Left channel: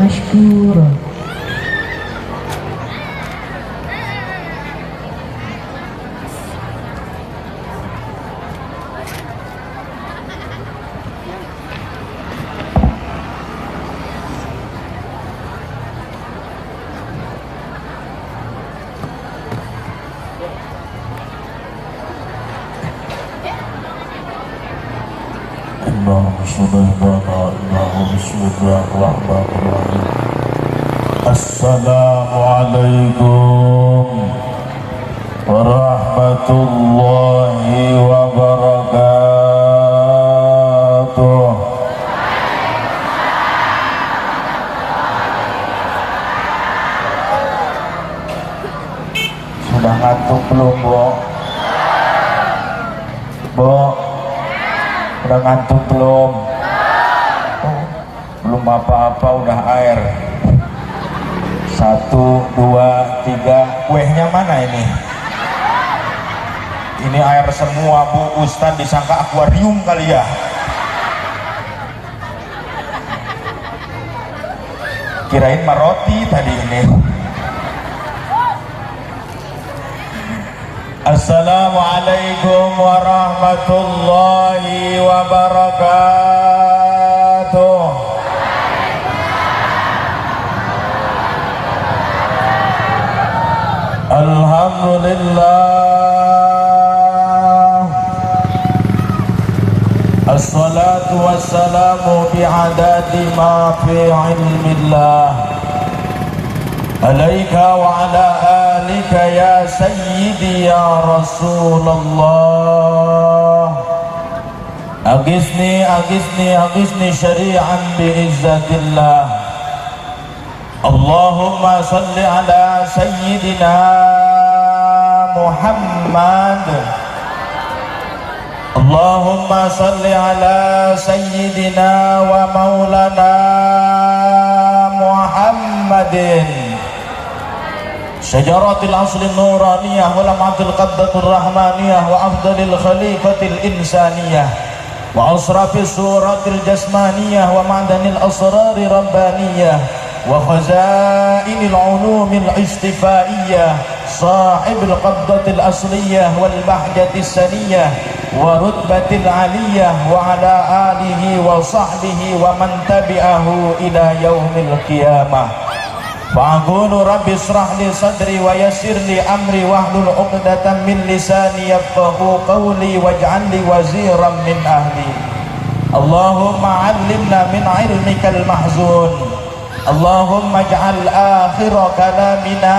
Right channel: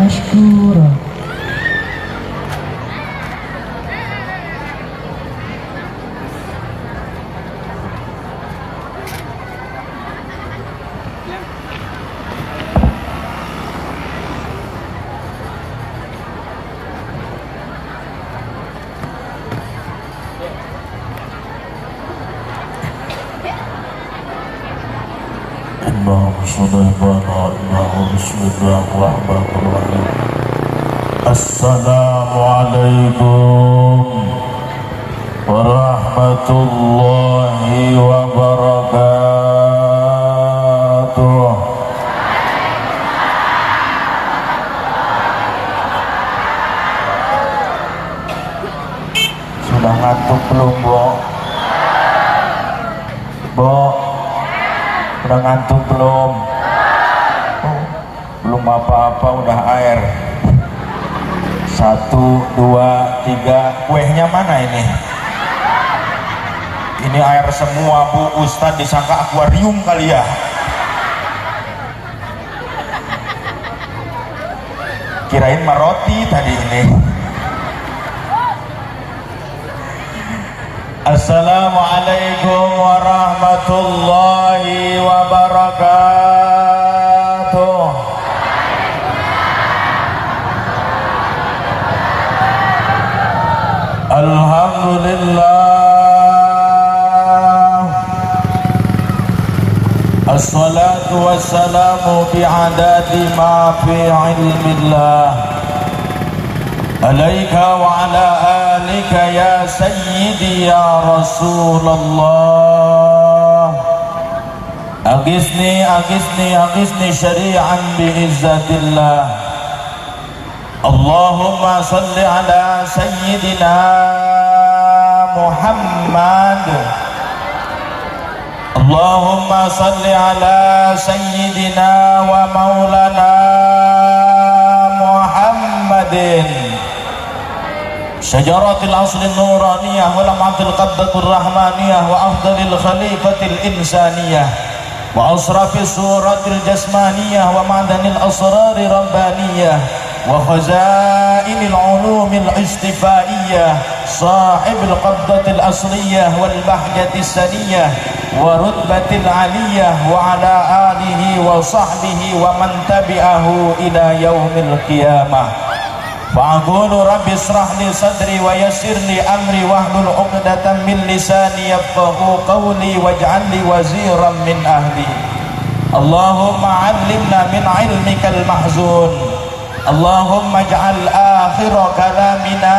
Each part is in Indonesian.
مشكورا. Assalamualaikum warahmatullahi wabarakatuh. Sudah ngantuk belum, Bo? Bo, sudah ngantuk belum? Belum apa-apa udah air. 1, 2, 3. Kuehnya mana ini? Ini air semua, Bu. Ustadz disangka akuarium kali ya. Kirain maroti tadi ini. Assalamualaikum warahmatullahi wabarakatuh. Alhamdulillah, assalatu wassalamu bi'adadi ma fi ilmillah, alaika wa ala alika ya sayyidi ya Rasulullah. Agisni, agisni, agisni syari'an bi'izzatillah. Allahumma salli ala sayyidina Muhammad. Allahumma salli ala sayyidina wa maulana Muhammadin syajaratil asli nuraniyah wa lam'atil qabdatur rahmaniyah wa afdalil khalifatil insaniyah wa asrafis suratil jasmaniyah wa ma'danil asrari rabbaniyah wa khazainil ulumil istifaiyah sahibil qabdatil asliyah wal bahjatis saniyah wa rutbatil aliyah wa ala alihi wa sahbihi wa man tabi'ahu ila yaumil qiyamah. Fa'aqulu rabbi israh li sadri wa yassir li amri wahlul 'uqdatam min lisani yafqahu qawli waj'al li waziran min ahli. Allahumma 'allimna min 'ilmikal mahzun. Allahumma ij'al akhira kalamina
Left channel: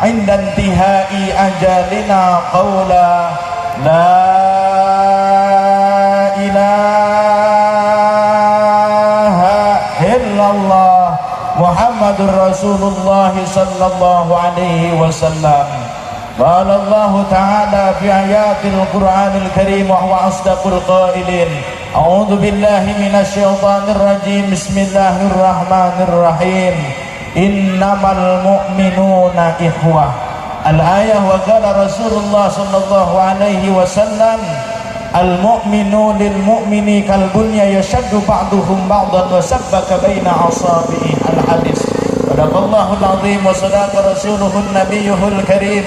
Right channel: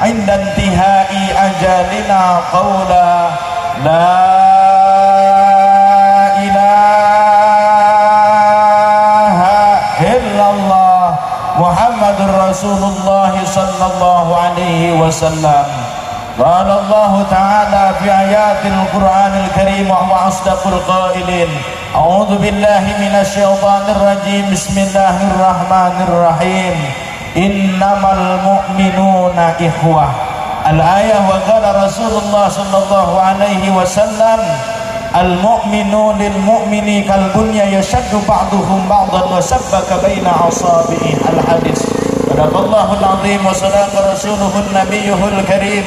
'inda intihai ajalina qawla la ilaha illallah Muhammadur Rasulullah sallallahu alaihi wasallam. Qala Allah ta'ala fi ayatil Qur'anil Karim wa asdaqul qailin. A'udzu billahi minasy syaithanir rajim. Bismillahirrahmanirrahim. Innamal mu'minuna ikhwah. Al-ayah wa qala Rasulullah sallallahu alaihi wasallam al-mu'minu lil mu'mini kal bunya yashaddu ba'duhum ba'dan wa sabbaka baina asabi'i. Al-hadis. Sadaqallahul azim wa sadaqa rasuluhun nabiyyuhul karim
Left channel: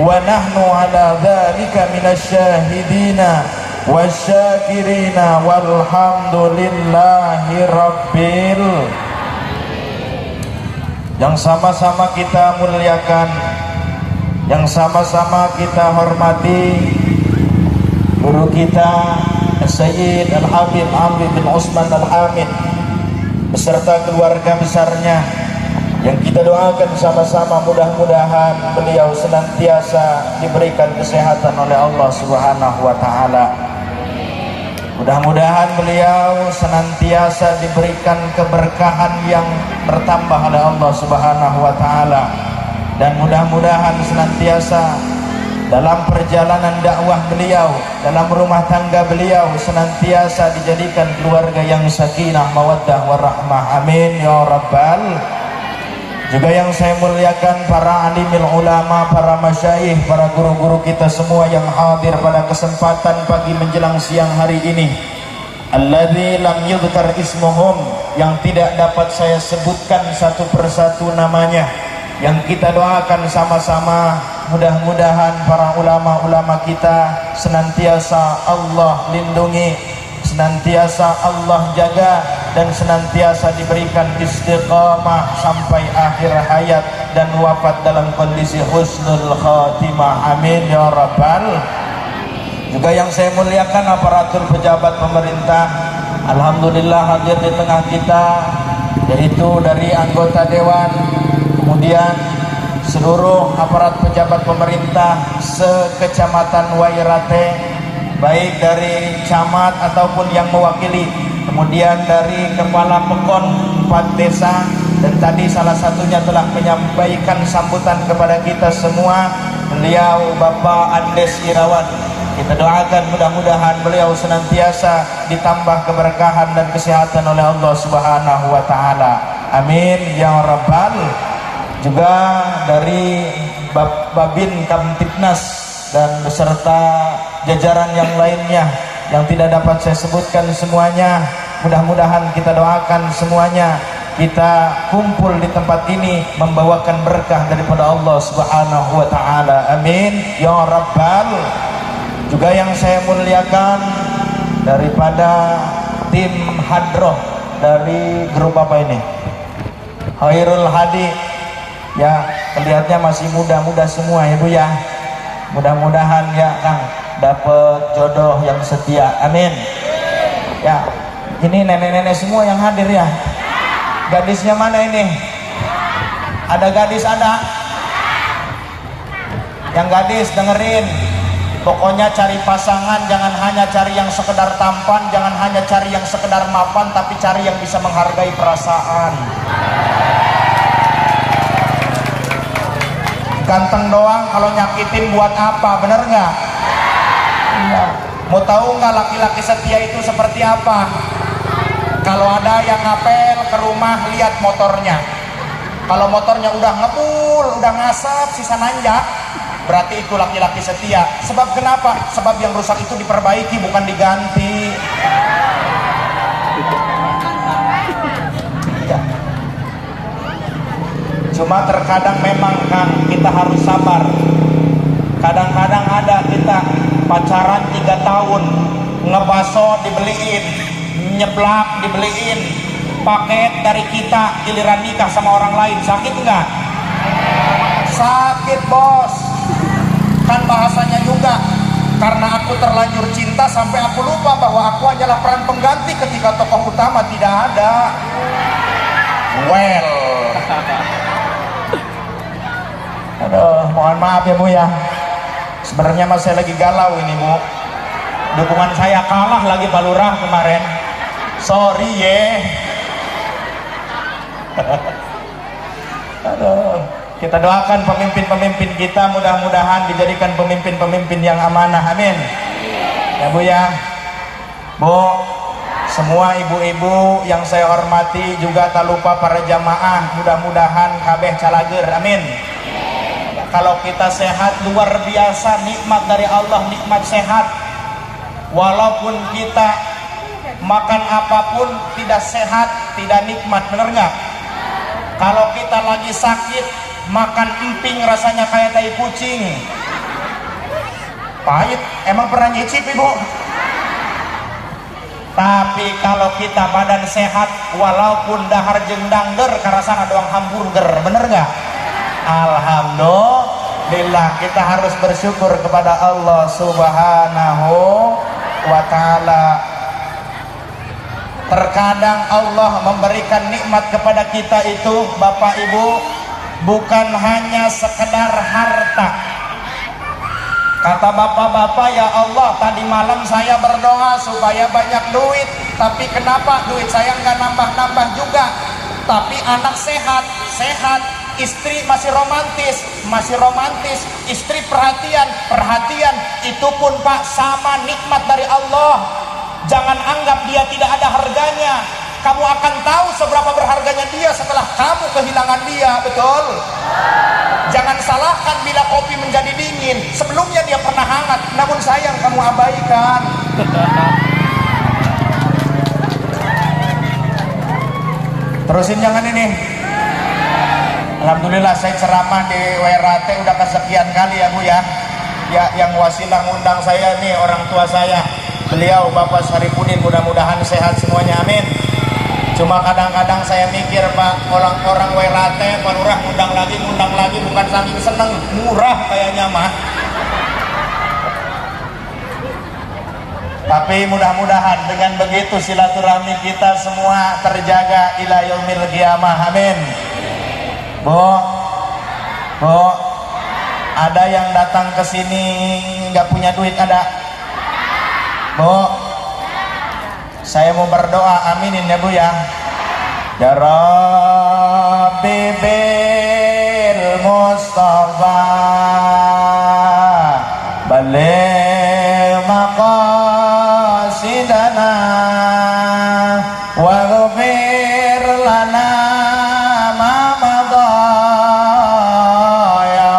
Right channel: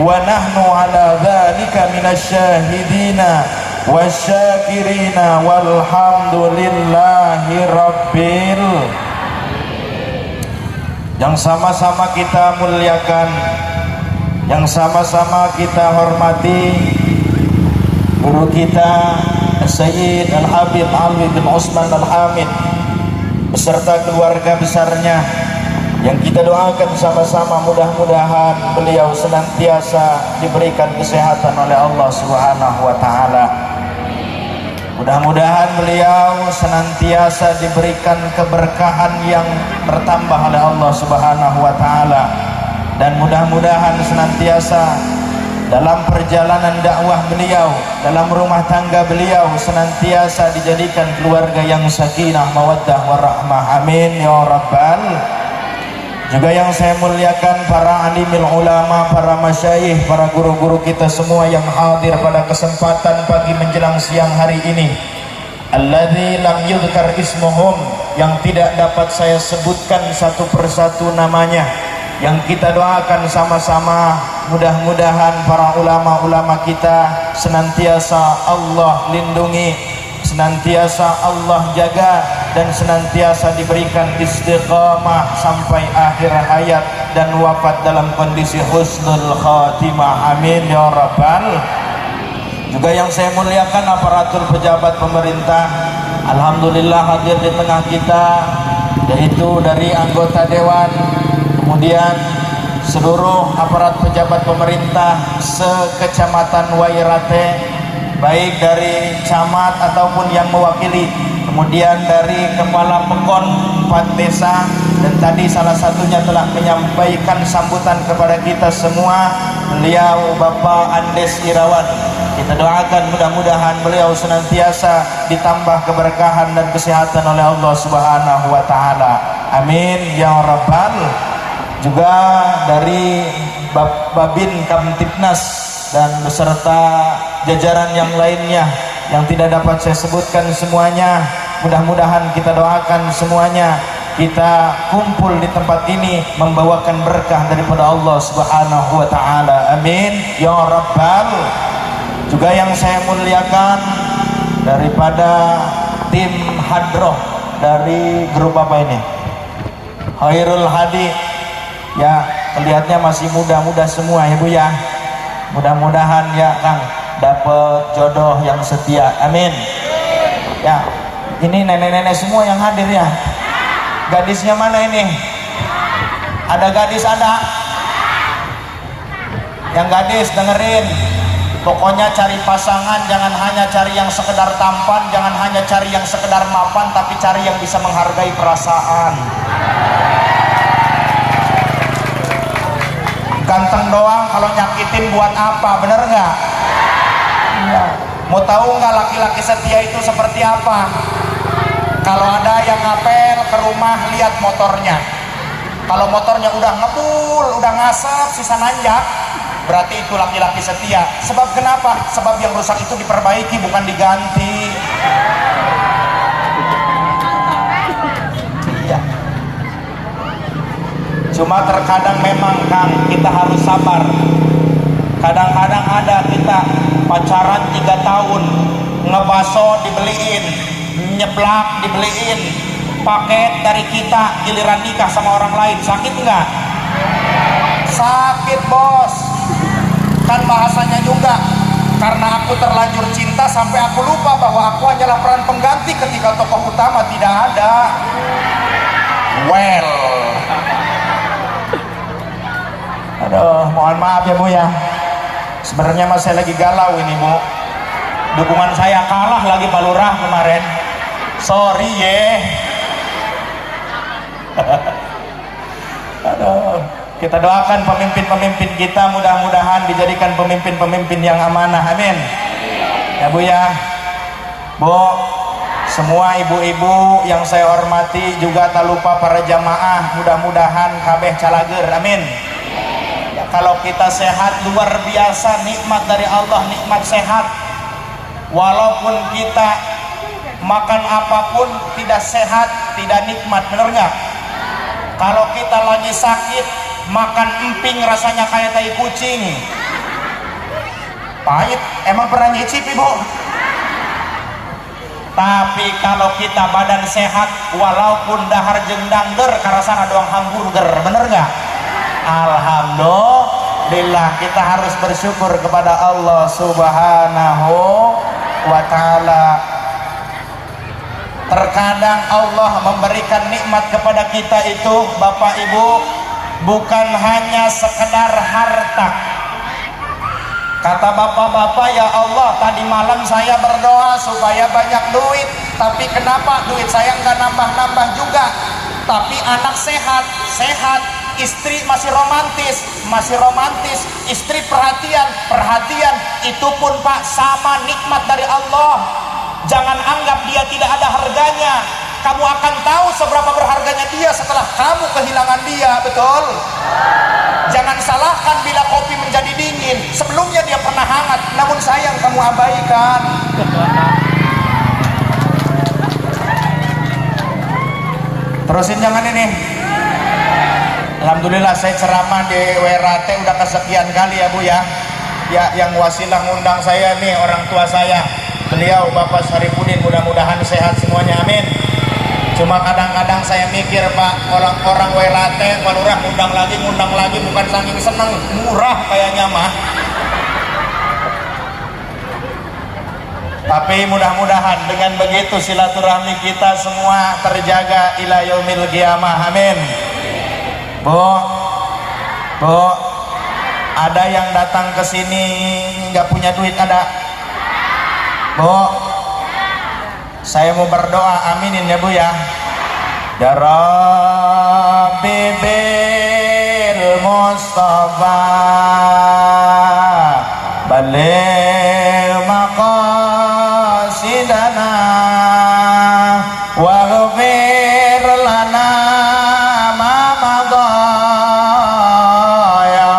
wa nahnu ala dzalika minasy syahidina wasyakirina walhamdulillahi rabbil. Yang sama-sama kita muliakan, yang sama-sama kita hormati guru kita Sayyid Al-Habib Alwi bin Osman Al-Hamid beserta keluarga besarnya, yang kita doakan sama-sama mudah-mudahan beliau senantiasa diberikan kesehatan oleh Allah Subhanahu wa taala. Mudah-mudahan beliau senantiasa diberikan keberkahan yang bertambah oleh Allah Subhanahu wa taala, dan mudah-mudahan senantiasa dalam perjalanan dakwah beliau, dalam rumah tangga beliau senantiasa dijadikan keluarga yang sakinah, mawaddah warahmah. Amin ya rabbal. Juga yang saya muliakan para alimil ulama, para masyayikh, para guru-guru kita semua yang hadir pada kesempatan pagi menjelang siang hari ini. alladzi lam yudhkar ismuhum, yang tidak dapat saya sebutkan satu persatu namanya, yang kita doakan sama-sama mudah-mudahan para ulama-ulama kita senantiasa Allah lindungi, senantiasa Allah jaga, dan senantiasa diberikan istiqamah sampai akhir hayat dan wafat dalam kondisi husnul khatimah, amin ya rabbal. Juga yang saya muliakan aparatur pejabat pemerintah, alhamdulillah hadir di tengah kita, yaitu dari anggota dewan, kemudian seluruh aparat pejabat pemerintah sekecamatan Wairate, baik dari camat ataupun yang mewakili, kemudian dari kepala pekon 4 desa, dan tadi salah satunya telah menyampaikan sambutan kepada kita semua, beliau Bapak Andes Irawan. Kita doakan mudah-mudahan beliau senantiasa ditambah keberkahan dan kesehatan oleh Allah Subhanahu wa taala. Amin ya rabbal. Juga dari Babin Kamtipnas dan beserta jajaran yang lainnya yang tidak dapat saya sebutkan semuanya, mudah-mudahan kita doakan semuanya kita kumpul di tempat ini membawakan berkah daripada Allah Subhanahu wa taala. Amin ya rabbal. Juga yang saya muliakan daripada tim hadroh dari grup apa ini, Khairul Hadi, ya lihatnya masih muda-muda semua ya Bu ya. Mudah-mudahan ya Kang dapat jodoh yang setia, amin. Ya, ini nenek-nenek semua yang hadir ya. Gadisnya mana ini? Ada gadis ada? Yang gadis dengerin, pokoknya cari pasangan jangan hanya cari yang sekedar tampan, jangan hanya cari yang sekedar mapan, tapi cari yang bisa menghargai perasaan. Ganteng doang kalau nyakitin buat apa, bener nggak? Ya. Mau tahu nggak laki-laki setia itu seperti apa? Kalau ada yang ngapel ke rumah, lihat motornya. Kalau motornya udah ngebul, udah ngasap, sisa nanjak, berarti itu laki-laki setia. Sebab kenapa? Sebab yang rusak itu diperbaiki, bukan diganti. Ya. Cuma terkadang memang kan kita harus sabar. Kadang-kadang ada kita pacaran 3 tahun, ngebaso dibeliin, nyeblak dibeliin, paket dari kita, giliran nikah sama orang lain, sakit nggak? Sakit bos. Kan bahasanya juga, karena aku terlanjur cinta sampai aku lupa bahwa aku hanyalah peran pengganti ketika tokoh utama tidak ada. Well, aduh, mohon maaf ya Bu ya. Sebenarnya mas saya lagi galau ini Bu. Dukungan saya kalah lagi Pak Lurah kemarin. Sorry ye. Aduh, kita doakan pemimpin-pemimpin kita mudah-mudahan dijadikan pemimpin-pemimpin yang amanah. Amin. Ya Bu ya. Bu, semua ibu-ibu yang saya hormati, juga tak lupa para jamaah, mudah-mudahan kabeh calager. Amin. Kalau kita sehat, luar biasa nikmat dari Allah, nikmat sehat. Walaupun kita makan apapun tidak sehat, tidak nikmat, bener nggak? Kalau kita lagi sakit, makan emping rasanya kayak tai kucing, pahit. Emang pernah nyicip Ibu? Tapi kalau kita badan sehat, walaupun dahar jendangger karasana doang hamburger, bener nggak? Alhamdulillah, kita harus bersyukur kepada Allah Subhanahu wa ta'ala. Terkadang Allah memberikan nikmat kepada kita itu Bapak Ibu bukan hanya sekedar harta. Kata bapak-bapak, ya Allah, tadi malam saya berdoa supaya banyak duit, tapi kenapa duit saya nggak nambah-nambah juga? Tapi anak sehat, istri masih romantis, istri perhatian, itu pun Pak sama nikmat dari Allah. Jangan anggap dia tidak ada harganya. Kamu akan tahu seberapa berharganya dia setelah kamu kehilangan dia, betul? Jangan salahkan bila kopi menjadi dingin, sebelumnya dia pernah hangat, namun sayang kamu abaikan. Terusin jangan ini. Alhamdulillah saya ceramah di WRT udah kesekian kali ya Bu ya. Ya yang wasilah ngundang saya nih orang tua saya. Beliau Bapak Syarifudin, mudah-mudahan sehat semuanya, amin. Cuma kadang-kadang saya mikir Pak, orang-orang WRT kalau udah ngundang lagi bukan saking seneng, murah kayaknya mah. Tapi mudah-mudahan dengan begitu silaturahmi kita semua terjaga ila yaumil qiyamah, amin. Bu, ada yang datang ke sini nggak punya duit ada? Bu, saya mau berdoa, aminin ya Bu ya. Ya Rabbi bil Mustafa baligh maqasidana waghfir lana ma madha ya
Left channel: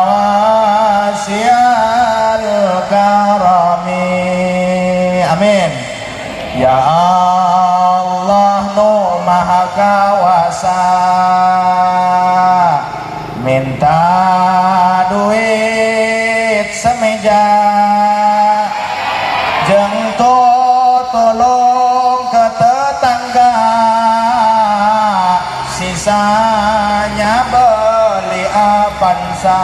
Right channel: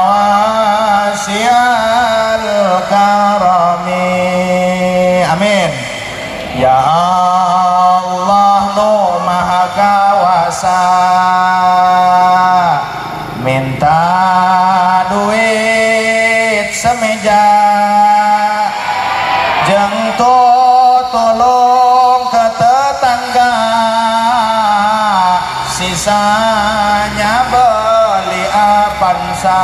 wasi'al karami, amin. Ya Allah nu maha kawasa, minta duit semeja, jeung tolong ke tetangga, sisanya beli Avanza.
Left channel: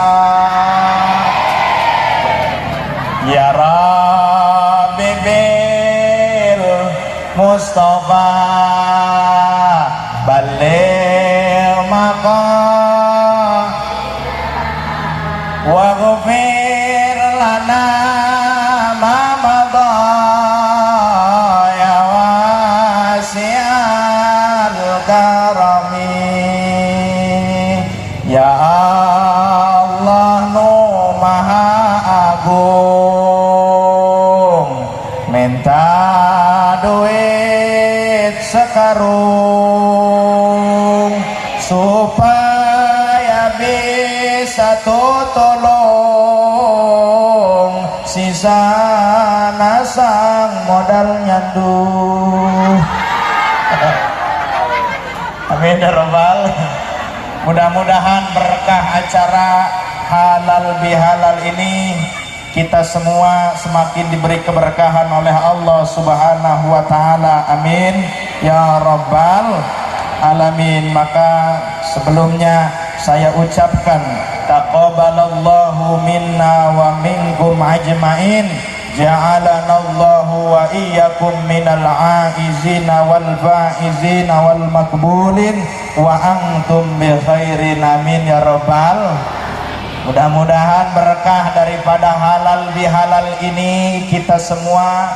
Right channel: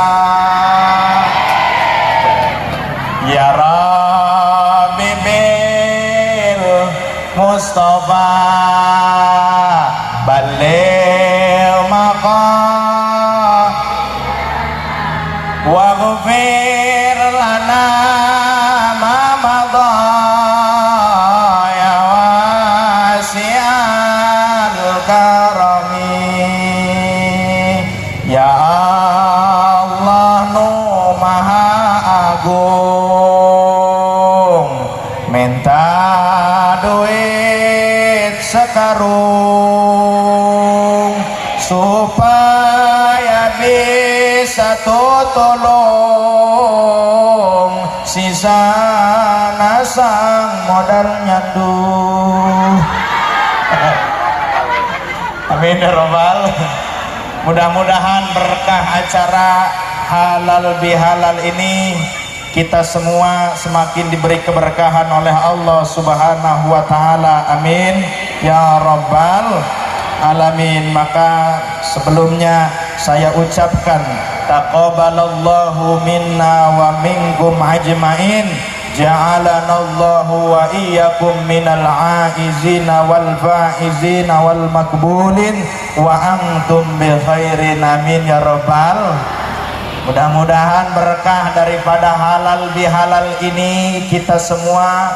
Ya Rabbi bil Mustafa baligh maqam waghfir lana ma madha ya wasi'al karami. Ya Allah nu maha agung, minta duit sekarung supaya bisa tolong sisa nasang modal nyanduh. Amin ya Rabbal. Mudah-mudahan berkah acara halal bihalal ini kita semua semakin diberi keberkahan oleh Allah Subhanahu wa taala. Amin ya Rabbal alamin. Maka sebelumnya saya ucapkan taqabbalallahu minna wa minkum ajmain, ja'alanallahu wa iyyakum minal aizina wal faizina wal makbulin wa antum bi khairin, amin ya Rabbal. Mudah-mudahan berkah daripada halal bihalal ini kita semua,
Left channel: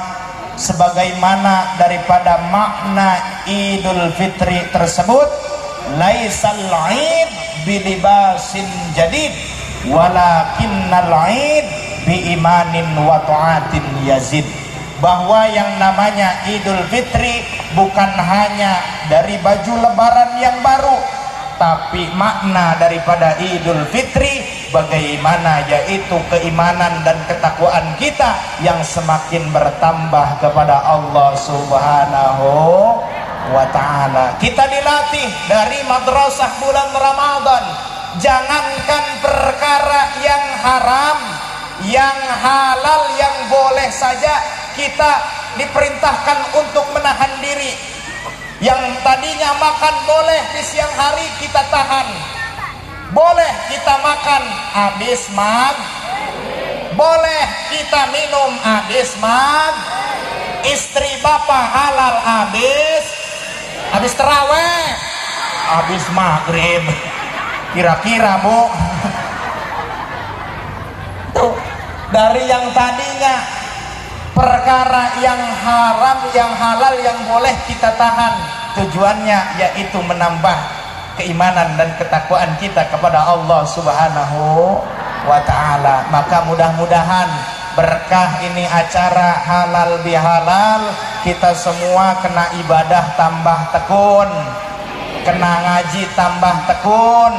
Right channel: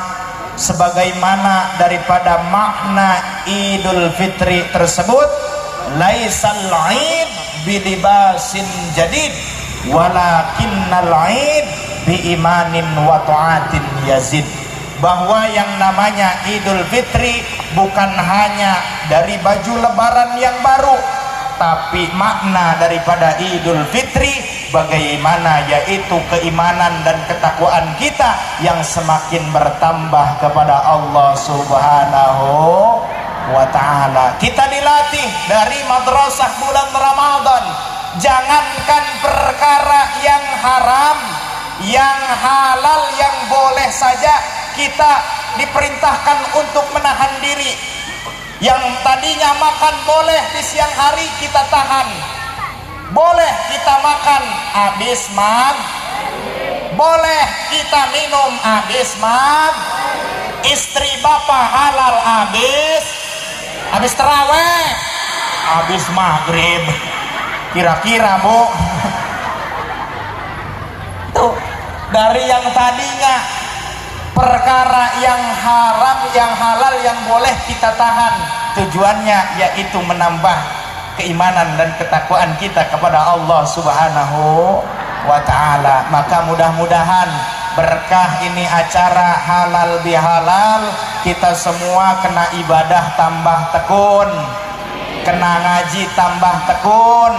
sebagaimana daripada makna Idul Fitri tersebut, laisal id bilibasin jadid walakinnal id biimanin wa ta'atin yazid. Bahwa yang namanya Idul Fitri bukan hanya dari baju lebaran yang baru, tapi makna daripada Idul Fitri bagaimana, yaitu keimanan dan ketakwaan kita yang semakin bertambah kepada Allah Subhanahu wa ta'ala. Kita dilatih dari madrasah bulan Ramadan, jangankan perkara yang haram, yang halal, yang boleh saja kita diperintahkan untuk menahan diri. Yang tadinya makan boleh di siang hari kita tahan, boleh kita makan habis boleh kita minum habis istri bapak halal habis terawih, habis maghrib, kira-kira Bu. Tuh, dari yang tadinya perkara yang haram, yang halal, yang boleh kita tahan, tujuannya yaitu menambah keimanan dan ketakwaan kita kepada Allah Subhanahu wa ta'ala. Maka mudah-mudahan berkah ini acara halal bihalal, kita semua kena ibadah tambah tekun, kena ngaji tambah tekun,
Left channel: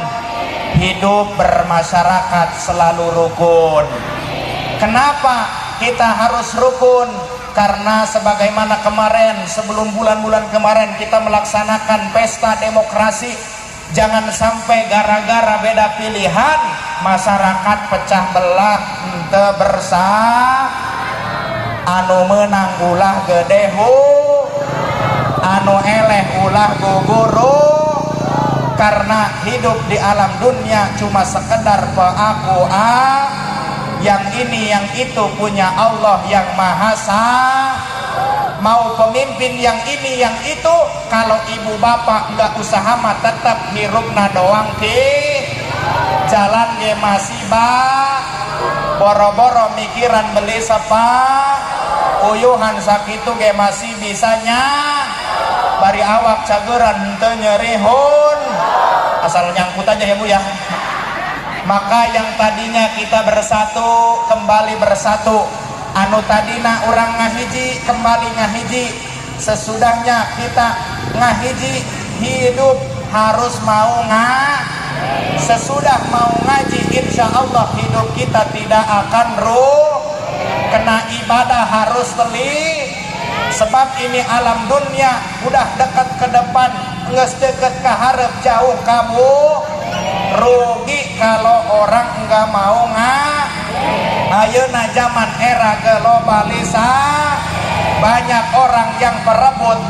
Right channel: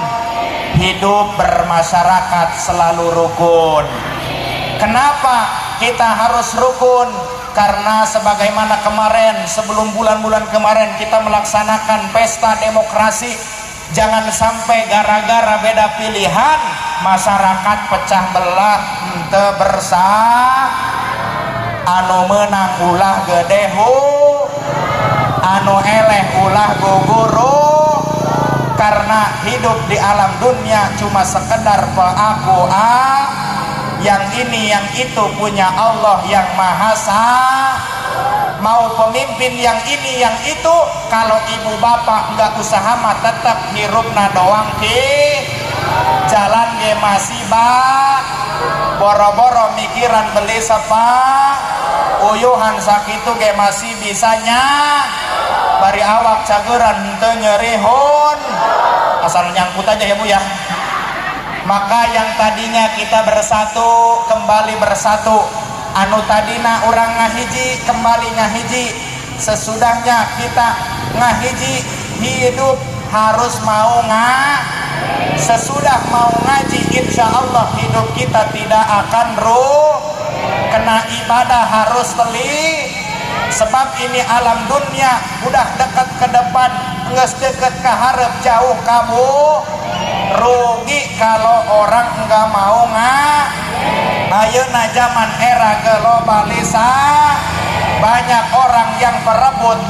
hidup bermasyarakat selalu rukun. Kenapa kita harus rukun? karena sebagaimana kemarin, sebelum bulan-bulan kemarin kita melaksanakan pesta demokrasi, jangan sampai gara-gara beda pilihan masyarakat pecah belah, ente bersah, anu menang ulah gede hu, anu eleh ulah guguru. Karena hidup di alam dunia cuma sekedar yang ini yang itu punya Allah yang Maha Esa. Mau pemimpin yang ini yang itu, kalau ibu bapak nggak usaha mah tetap hirupna doang jalan ge masih boro-boro mikiran beli sepa uyuhan sakitu ge masih bisanya bari awak cageran henteu nyerihun asal nyangkut aja ya Bu ya. Maka yang tadinya kita bersatu kembali bersatu, anu tadina orang ngahiji kembali ngahiji. Sesudahnya kita ngahiji hidup harus mau sesudah mau ngaji, insya Allah hidup kita tidak akan kena ibadah harus teli. Sebab ini alam dunia udah dekat ke depan, nges deket ke harap jauh kamu. Rugi kalau orang nggak mau ayeuna zaman era globalisasi, banyak orang yang berebut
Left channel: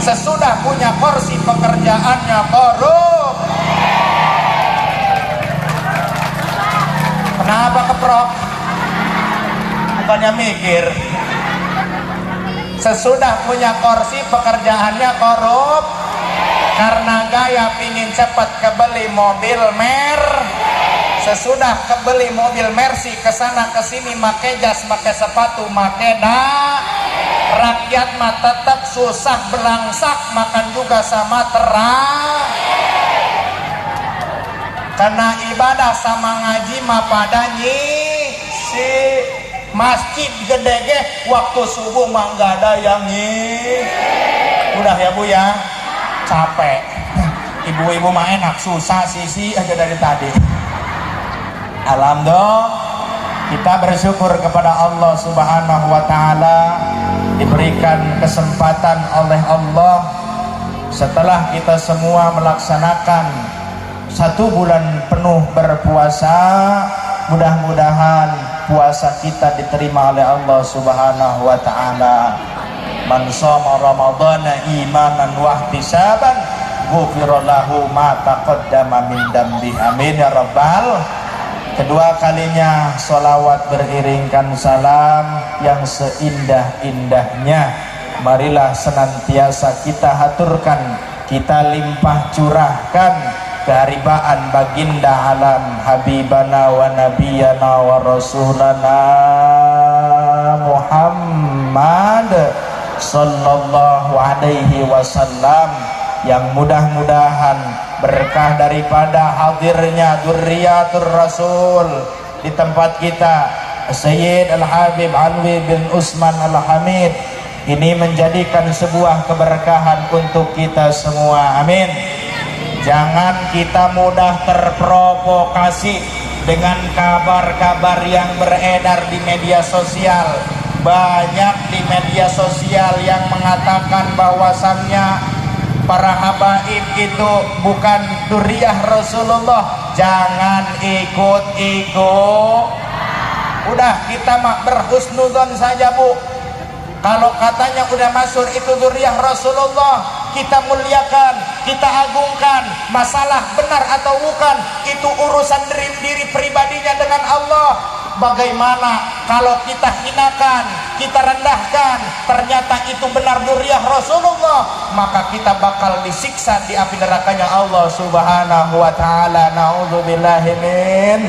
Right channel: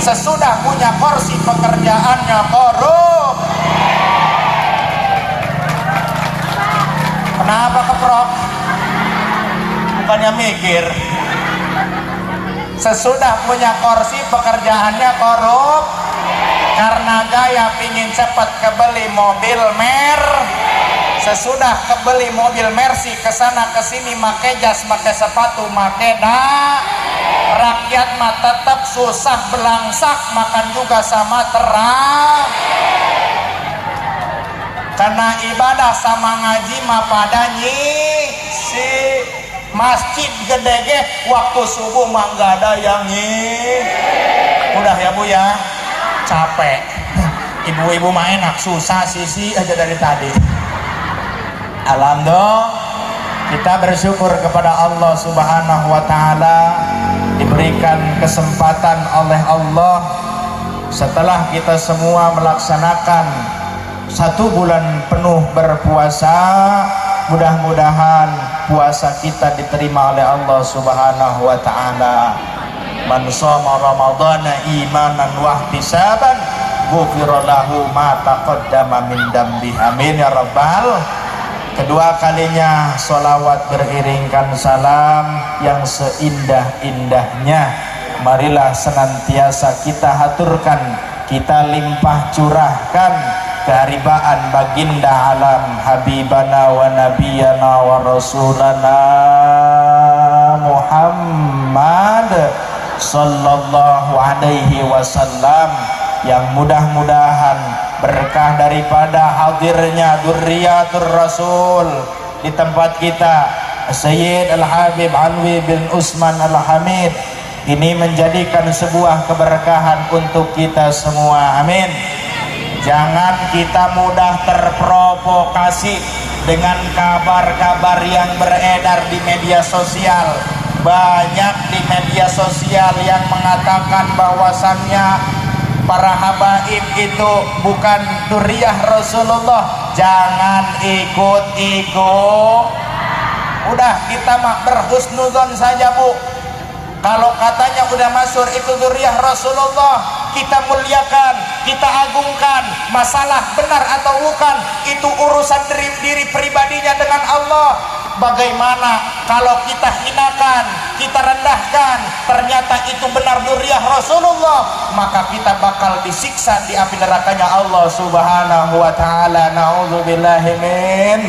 sesudah punya porsi pekerjaannya korup. Kenapa keprok? Bukannya mikir. Sesudah punya porsi pekerjaannya korup, karena gaya pingin cepat kebeli mobil sesudah kebeli mobil Mercy kesana kesini make jas make sepatu make rakyat mah tetap susah belangsak, makan juga sama terang. Karena ibadah sama ngaji mah pada si masjid gede ge waktu subuh mah nggak ada yang udah ya Bu ya, capek. Ibu-ibu mah enak, susah sisi aja dari tadi. Alhamdulillah kita bersyukur kepada Allah Subhanahu wa taala diberikan kesempatan oleh Allah setelah kita semua melaksanakan 1 bulan penuh berpuasa. Mudah-mudahan puasa kita diterima oleh Allah Subhanahu wa taala. Man shoma ramadhana imanan wa ihtisaban ghufira lahu ma taqaddama min dambi. Amin ya rabbal. Kedua kalinya sholawat beriringkan salam yang seindah-indahnya marilah senantiasa kita haturkan, kita limpah curahkan keharibaan baginda alam habibana wa nabiyana wa rasulana Muhammad sallallahu alaihi wasallam, yang mudah-mudahan berkah daripada hadirnya dzurriyyatur rasul di tempat kita, Sayyid Al-Habib Alwi bin Usman Al-Hamid, ini menjadikan sebuah keberkahan untuk kita semua. Amin. Jangan kita mudah terprovokasi dengan kabar-kabar yang beredar di media sosial. Banyak di media sosial yang mengatakan bahwasannya para habaib itu bukan dzurriyyah Rasulullah. Jangan ikut-ikut. Udah kita mah berhusnudzon saja Bu. Kalau katanya udah masuk itu dzurriyyah Rasulullah, kita muliakan, kita agungkan. Masalah benar atau bukan itu urusan diri pribadinya dengan Allah. Bagaimana kalau kita hinakan, kita rendahkan, ternyata itu benar dzurriyyah Rasulullah, maka kita bakal disiksa di api nerakanya Allah Subhanahu wa taala. Nauzubillahi min.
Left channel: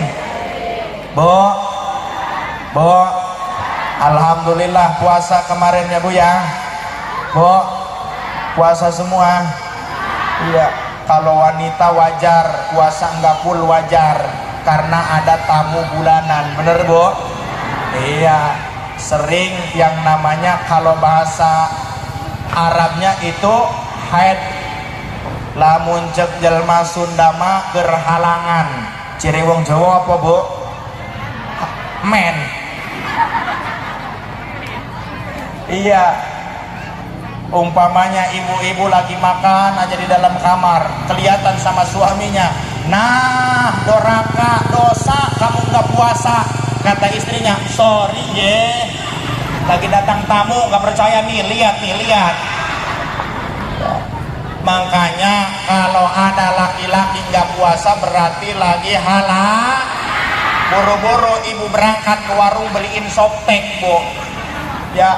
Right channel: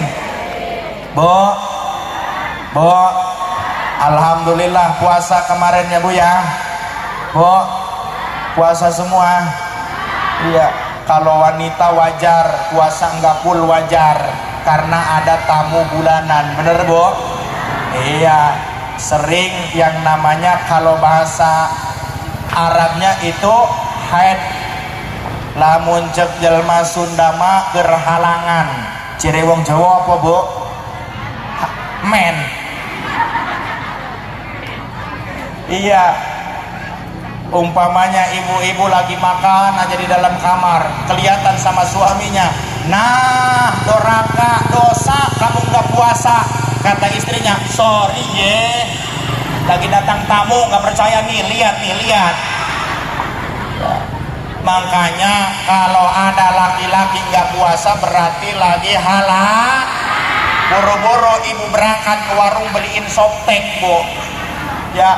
Bo, alhamdulillah puasa kemarin ya Bu ya. Bo, puasa semua. Iya, kalau wanita wajar, puasa enggak full wajar karena ada tamu bulanan. Bener Bu? Iya, sering yang namanya kalau bahasa Arabnya itu haid. Lamun cek jelma Sunda mah gerhalangan. Ciri wong Jawa apa Bu? Men. Iya, umpamanya ibu-ibu lagi makan aja di dalam kamar, kelihatan sama suaminya, nah doraka dosa kamu nggak puasa. Kata istrinya, sorry ye, lagi datang tamu nggak percaya nih, lihat nih, lihat. Makanya kalau ada laki-laki nggak puasa berarti lagi halal. Boro-boro ibu berangkat ke warung beliin soptek, Bu. Ya,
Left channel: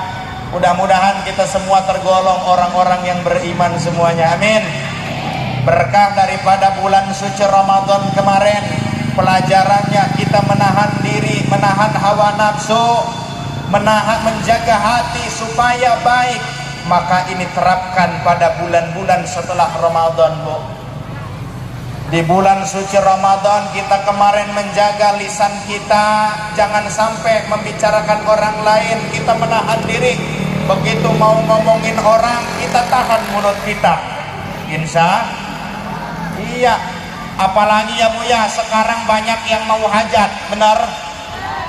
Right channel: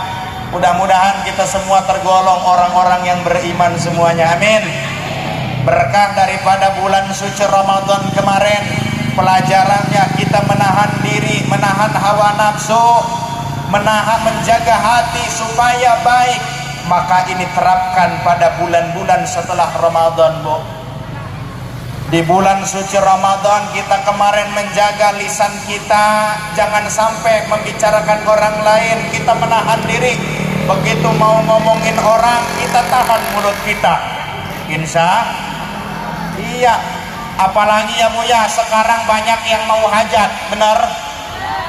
mudah-mudahan kita semua tergolong orang-orang yang beriman semuanya. Amin. Berkah daripada bulan suci Ramadan kemarin, pelajarannya kita menahan diri, menahan hawa nafsu, menjaga hati supaya baik. Maka ini terapkan pada bulan-bulan setelah Ramadan, Bu. Di bulan suci Ramadan kita kemarin menjaga lisan kita, jangan sampai membicarakan orang lain, kita menahan diri. Begitu mau ngomongin orang, kita tahan mulut kita. Insya iya. Apalagi ya Bu ya, sekarang banyak yang mau hajat, benar?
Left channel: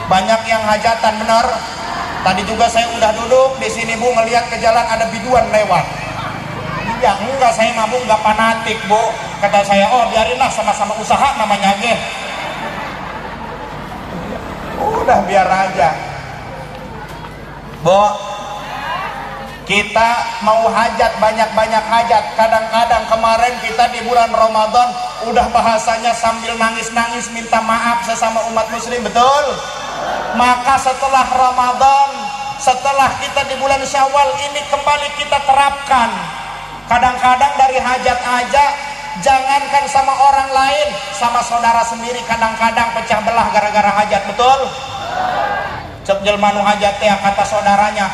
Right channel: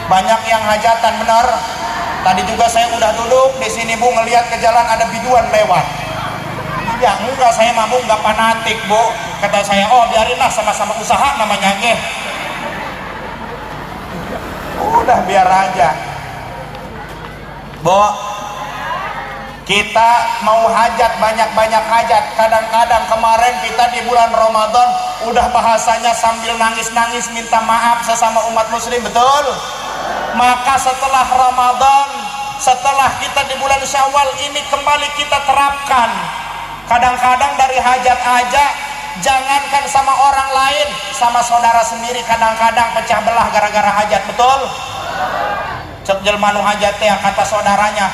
Banyak yang hajatan, benar? Tadi juga saya udah duduk di sini Bu, ngelihat ke jalan ada biduan lewat. Ya enggak, saya mabuk nggak fanatik Bu. Kata saya, oh biarinlah, sama-sama usaha namanya ge. Udah biar aja. Bu, kita mau hajat, banyak-banyak hajat. Kadang-kadang kemarin kita di bulan Ramadan udah bahasanya sambil nangis-nangis minta maaf sesama umat muslim, betul? Maka setelah Ramadan, setelah kita di bulan Syawal ini kembali kita terapkan. Kadang-kadang dari hajat aja, jangankan sama orang lain, sama saudara sendiri kadang-kadang pecah belah gara-gara hajat, betul? Cek jelma nu hajat teh kata saudaranya,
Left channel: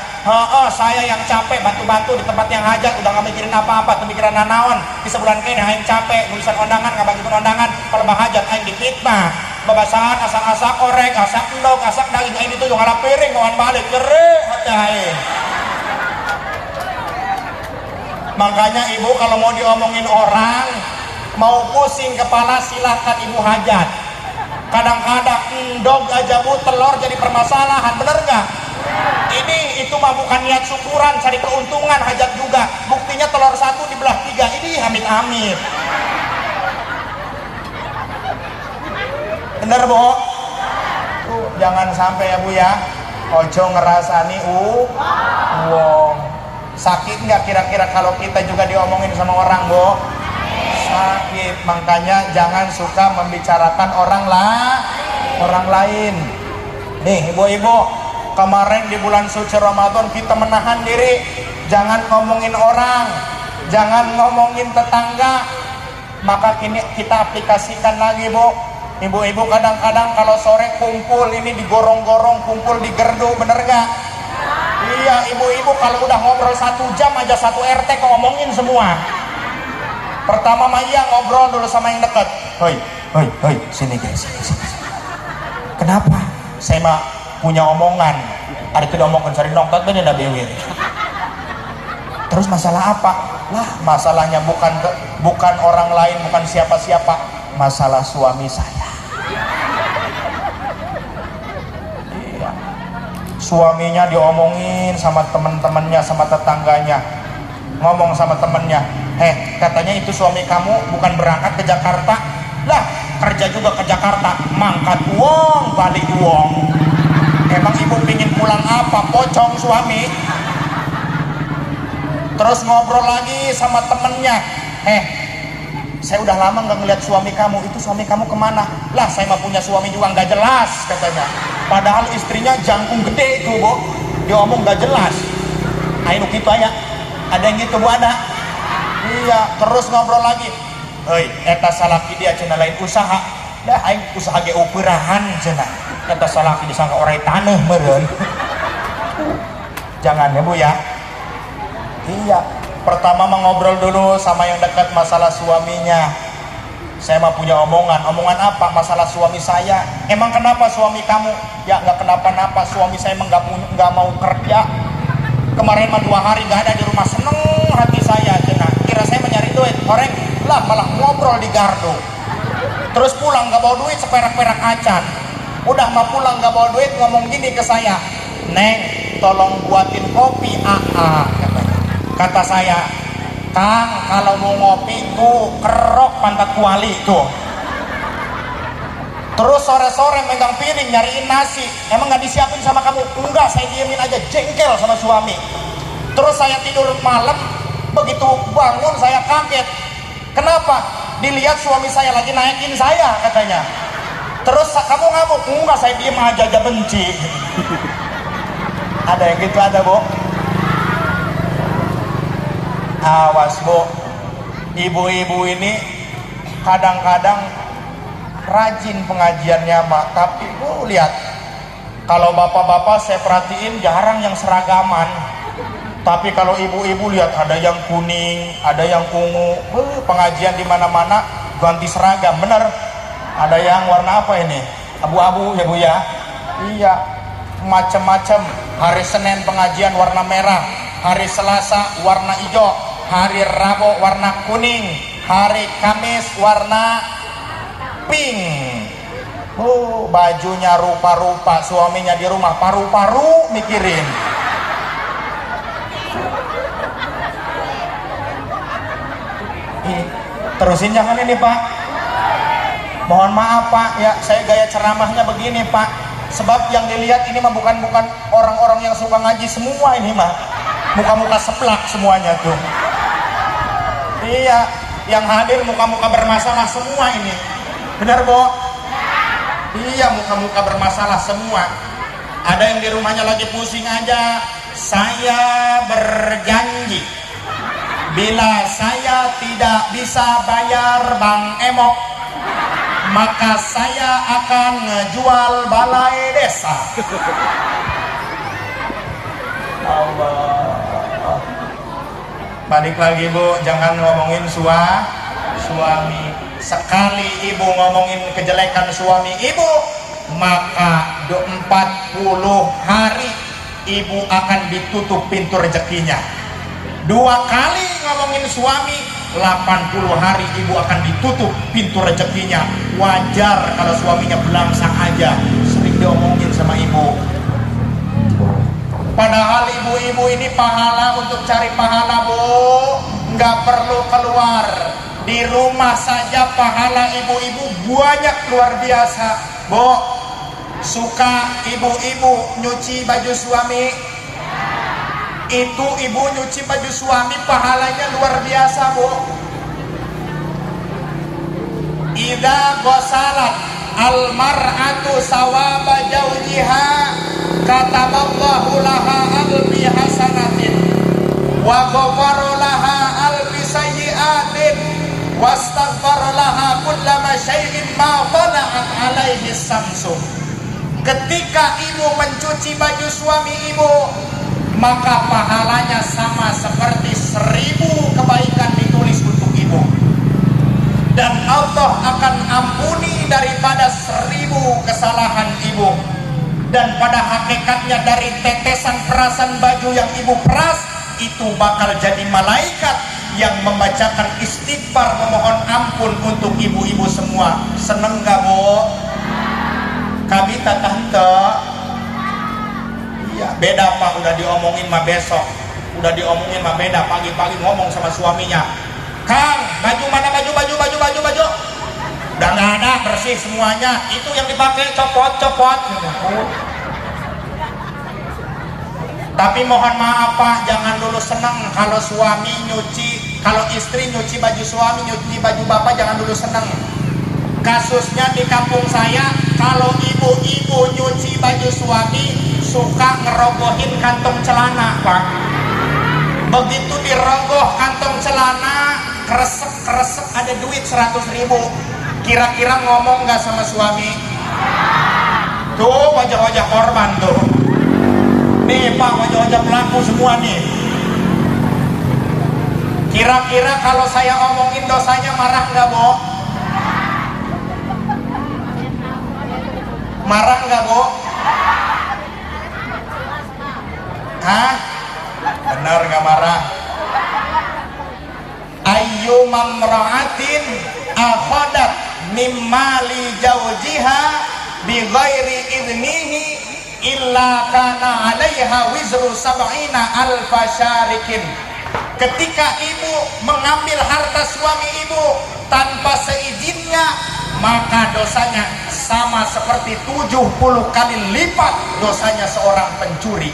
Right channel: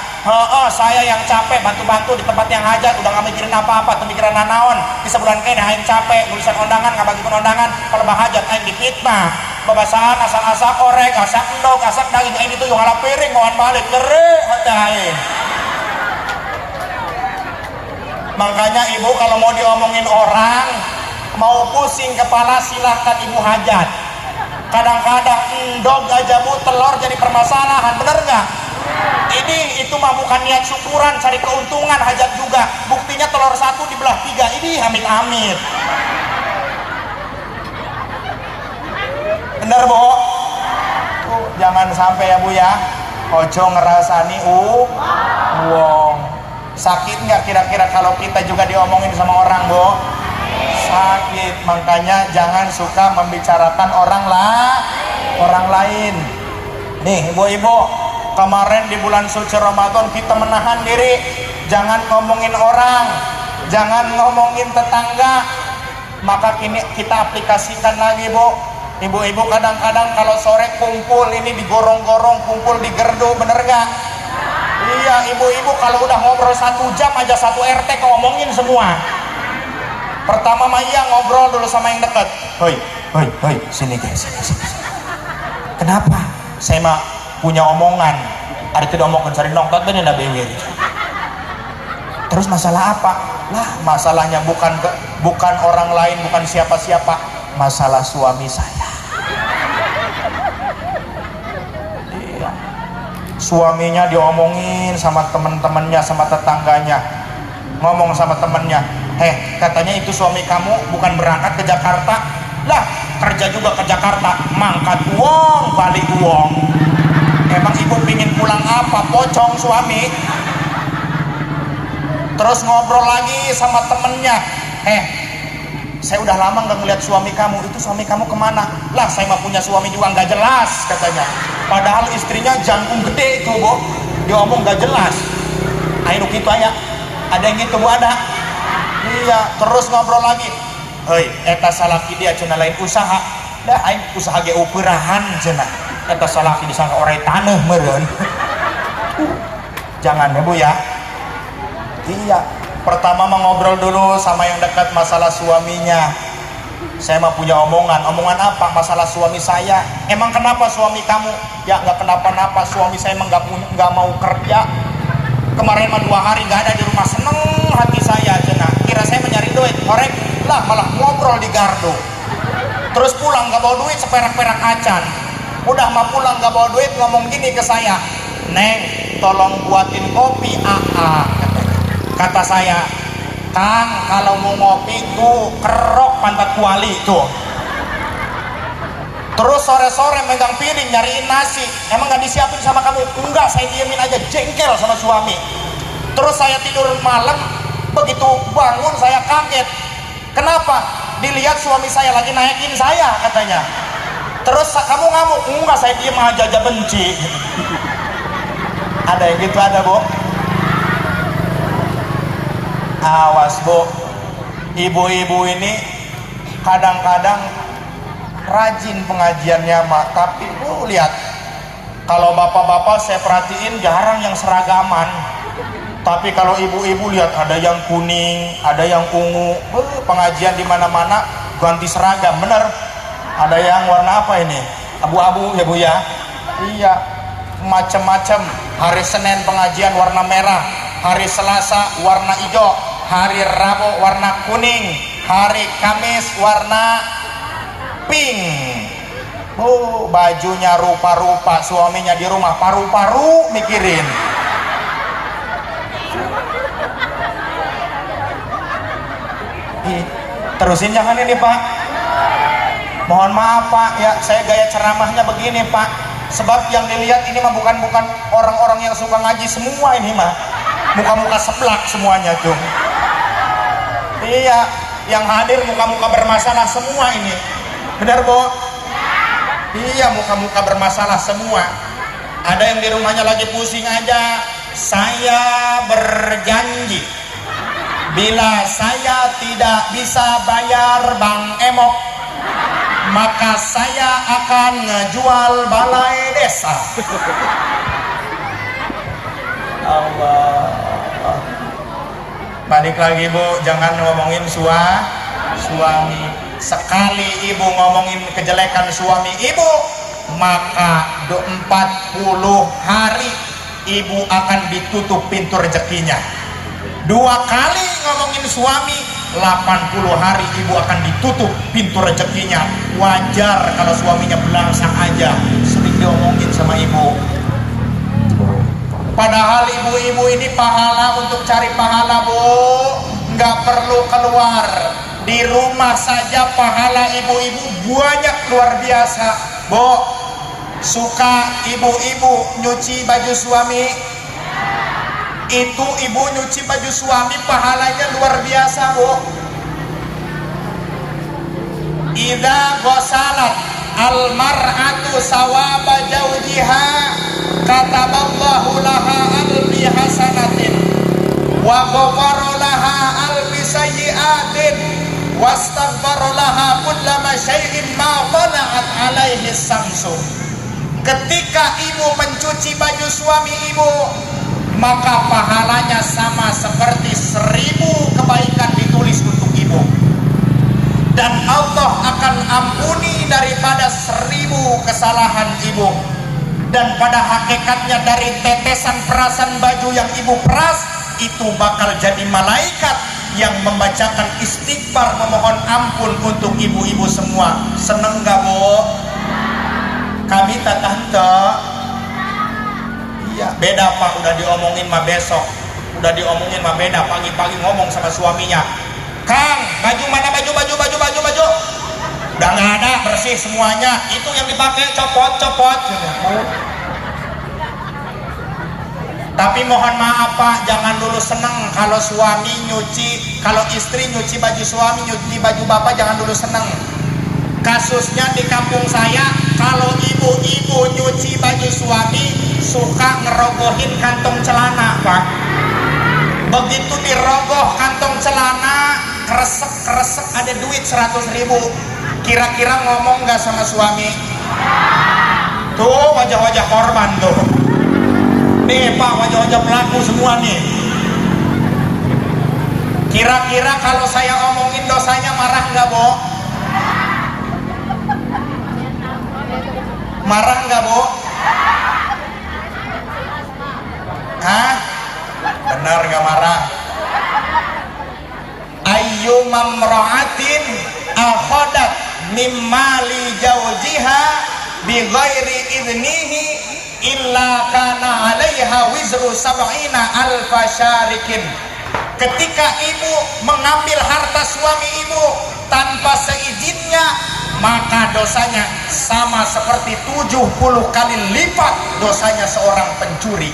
saya yang capek bantu-bantu di tempat yang hajat, udah gak mikirin apa-apa, tuh mikiran nanaon. Di sebulan kayaknya yang capek, nulisan undangan, gak bagi undangan, kalau hajat aing dipitnah. Babasahan asak-asak orek, asak endog, asak daging, aing itu yang ngalap piring, mohon balik, nyeri hati aing. Makanya ibu kalau mau diomongin orang, mau pusing kepala silahkan ibu hajat. Kadang-kadang endog aja Bu, telur jadi permasalahan, bener nggak? Ini itu mah bukan niat syukuran, cari keuntungan, hajat juga. Buktinya telur satu dibelah 3, ini amit-amit. Bener Bu? Jangan sampai ya Bu ya, ojo ngerasani wong. Sakit nggak kira-kira kalau kita juga diomongin sama orang, Bu? Sakit. Makanya jangan suka membicarakan orang lain. Nih ibu-ibu, kemarin di bulan suci Ramadan kita menahan diri, jangan ngomongin orang, jangan ngomongin tetangga. Maka kini kita aplikasikan lagi, Bu. Ibu-ibu kadang-kadang kalau sore kumpul ini digorong-gorong, kumpul di gerdu, bener nggak? Iya, ibu-ibu kalau udah ngobrol 1 jam aja satu RT ngomongin semua. Pertama mah iya ngobrol dulu sama yang dekat. Hoi, sini guys. Kenapa? Saya mah punya omongan. Ada tidak omongan cari nongkat dan ada bewer. Terus masalah apa? Lah, masalahnya bukan orang lain, bukan siapa-siapa, masalah suami saya. Suaminya diomongin sama teman-temannya, sama tetangganya. Ngomong sama temannya, katanya itu suami kamu bukan berangkat ke Jakarta. Lah, kerja juga ke Jakarta, mangkat uang, balik uang. Emang ibu pingin pulang apa? Pocong suami. Terus ngobrol lagi sama temennya, saya udah lama nggak ngeliat suami kamu, itu suami kamu kemana? Lah, saya mah punya suami juga nggak jelas katanya. Padahal istrinya jangkung gede itu, Bu. Dia ngomong nggak jelas. Ayo gitu aja. Ada yang gitu, Bu, ada. Iya, terus ngobrol lagi. Hei, eta salaki dia cenah lain usaha. Dah aing usaha ge ukurahan cenah. Eta salaki disangka orang taneuh meureun. Jangan ya, Bu ya. Iya. Pertama mau ngobrol dulu sama yang dekat masalah suaminya. Saya mah punya omongan apa? Masalah suami saya. Emang kenapa suami kamu? Ya nggak kenapa-napa, suami saya emang nggak mau kerja. Kemarin mah 2 hari nggak ada di rumah, seneng hati saya cenah. Kira saya mencari duit, korek lah malah ngobrol di gardu. Terus pulang nggak bawa duit, seperak-perak acan. Udah mah pulang nggak bawa duit, ngomong gini ke saya, Neng, tolong buatin kopi. Kata saya, Kang, kalau mau ngopi ku kerok pantat kuali tuh. Terus sore-sore megang piring nyariin nasi, emang nggak disiapin sama kamu? Enggak, saya diemin aja, jengkel sama suami. Terus saya tidur malam, begitu bangun saya kaget. Kenapa? Dilihat suami saya lagi naikin saya katanya. Terus kamu ngamuk? Enggak, saya diem aja benci. Ada yang gitu, ada Bu? Awas Bu, ibu-ibu ini kadang-kadang rajin pengajiannya Mak, tapi Bu lihat, kalau bapak-bapak saya perhatiin jarang yang seragaman. Tapi kalau ibu-ibu lihat ada yang kuning, ada yang ungu. Pengajian di mana-mana ganti seragam, bener? Ada yang warna apa ini? Abu-abu ya Bu ya? Iya, macam-macam. Hari Senin pengajian warna merah, hari Selasa warna hijau, hari Rabu warna kuning, hari Kamis warna pink. Bajunya rupa-rupa, suaminya di rumah paru-paru mikirin. Terusin jangan ini Pak. Mohon maaf Pak, ya saya gaya ceramahnya begini Pak. Sebab yang dilihat ini mah bukan orang-orang yang suka ngaji semua ini mah. Muka-muka seblak semuanya tuh. Iya, yang hadir muka-muka bermasalah semua ini. Benar Bu? Iya, muka-muka bermasalah semua. Ada yang di rumahnya lagi pusing aja. Saya berjanji, bila saya tidak bisa bayar Bang Emok, maka saya akan ngejual balai desa. Allah. Balik lagi Bu, jangan ngomongin suami. Sekali ibu ngomongin kejelekan suami ibu, maka 40 hari ibu akan ditutup pintu rezekinya. 2 kali ngomongin suami, 80 hari ibu akan ditutup pintu rezekinya. Wajar kalau suaminya belangsang aja, sering diomongin sama ibu. Padahal ibu-ibu ini pahala, untuk cari pahala Bu, nggak perlu keluar. Di rumah saja pahala ibu-ibu banyak luar biasa. Bu, suka ibu-ibu nyuci baju suami? Itu ibu nyuci baju suami pahalanya luar biasa Bu. Idza ghasalat al-mar'atu sawaba zawjiha kataballahu laha alfi hasanatin wa ghafara laha alfi sayyi'atin wastaghfara laha kullama syai'in ma tala'at alaihi samsu. Ketika ibu mencuci baju suami ibu, maka pahalanya sama seperti 1000 kebaikan ditulis untuk ibu, dan Allah akan ampuni daripada 1000 kesalahan ibu. Dan pada hakikatnya dari tetesan perasan baju yang ibu peras itu bakal jadi malaikat yang membacakan istighfar, memohon ampun untuk ibu-ibu semua. Seneng gak Bu? Kami tante. Iya, beda Pak, udah diomongin mah besok. Udah diomongin mah beda, pagi-pagi ngomong sama suaminya. Kang, baju mana baju? Udah nggak ada, bersih semuanya. Itu yang dipakai copot. Tapi mohon maaf Pak, jangan dulu seneng kalau suami nyuci, kalau istri nyuci baju suami, nyuci baju bapak, jangan dulu seneng. Kasusnya di kampung saya, kalau ibu-ibu nyuci baju suami, suka ngerogohin kantong celana Pak. Begitu dirogoh kantong celana, kresek ada duit 100.000. Kira-kira ngomong nggak sama suami? Tuh wajah-wajah korban tuh. Nih Pak, wajah-wajah pelaku semua nih. Kira-kira kalau saya ngomongin dosanya marah nggak Bu? Marah nggak Bu? Hah? Benar nggak marah? Ayyumam ra'atin akhadat mimmali jaujiha bi ghairi idnihi illa kana alaihi alaiha wizru sab'ina alfa syarikin. Ketika ibu mengambil harta suami ibu tanpa seizinnya, maka dosanya sama seperti 70 kali lipat dosanya seorang pencuri.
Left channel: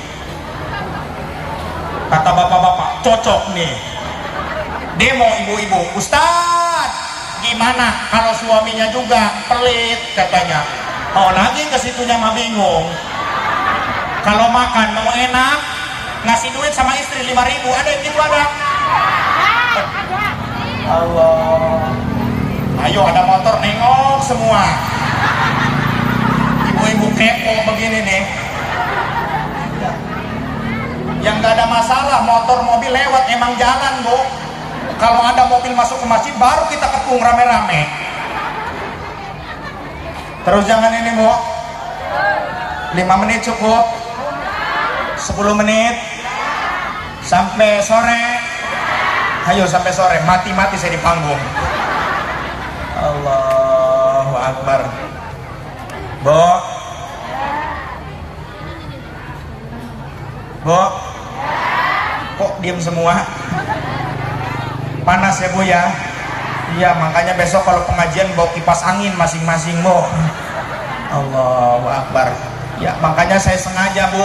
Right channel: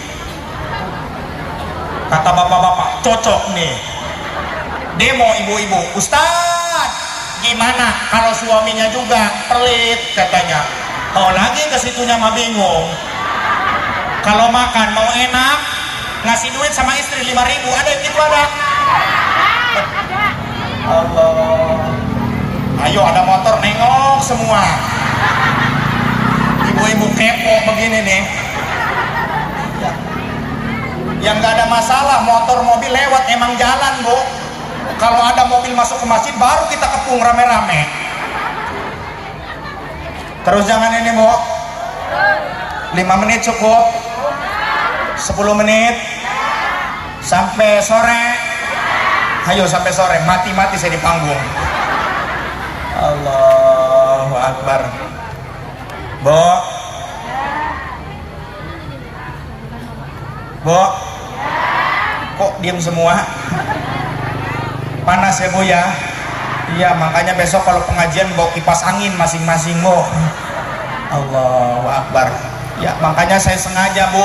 Kata bapak-bapak, cocok nih. Demo ibu-ibu, Ustaz, gimana kalau suaminya juga pelit katanya? Oh lagi ke situnya mah bingung. Kalau makan mau enak, ngasih duit sama istri 5.000, ada yang gitu ada? Allah. Ayo ada motor nengok semua. Ibu-ibu kepo begini nih. Yang gak ada masalah, motor mobil lewat emang jalan bu. Kalau ada mobil masuk ke masjid baru kita kepung rame-rame. Terus jangan ini bu, 5 menit cukup, 10 menit sampai sore. Ayo sampai sore, mati-mati saya di panggung. Allahu Akbar. Bu, bu, kok diam semua? Panas ya bu ya? Iya, makanya besok kalau pengajian bawa kipas angin masing-masing bu. Allahu Akbar. Ya makanya saya sengaja bu,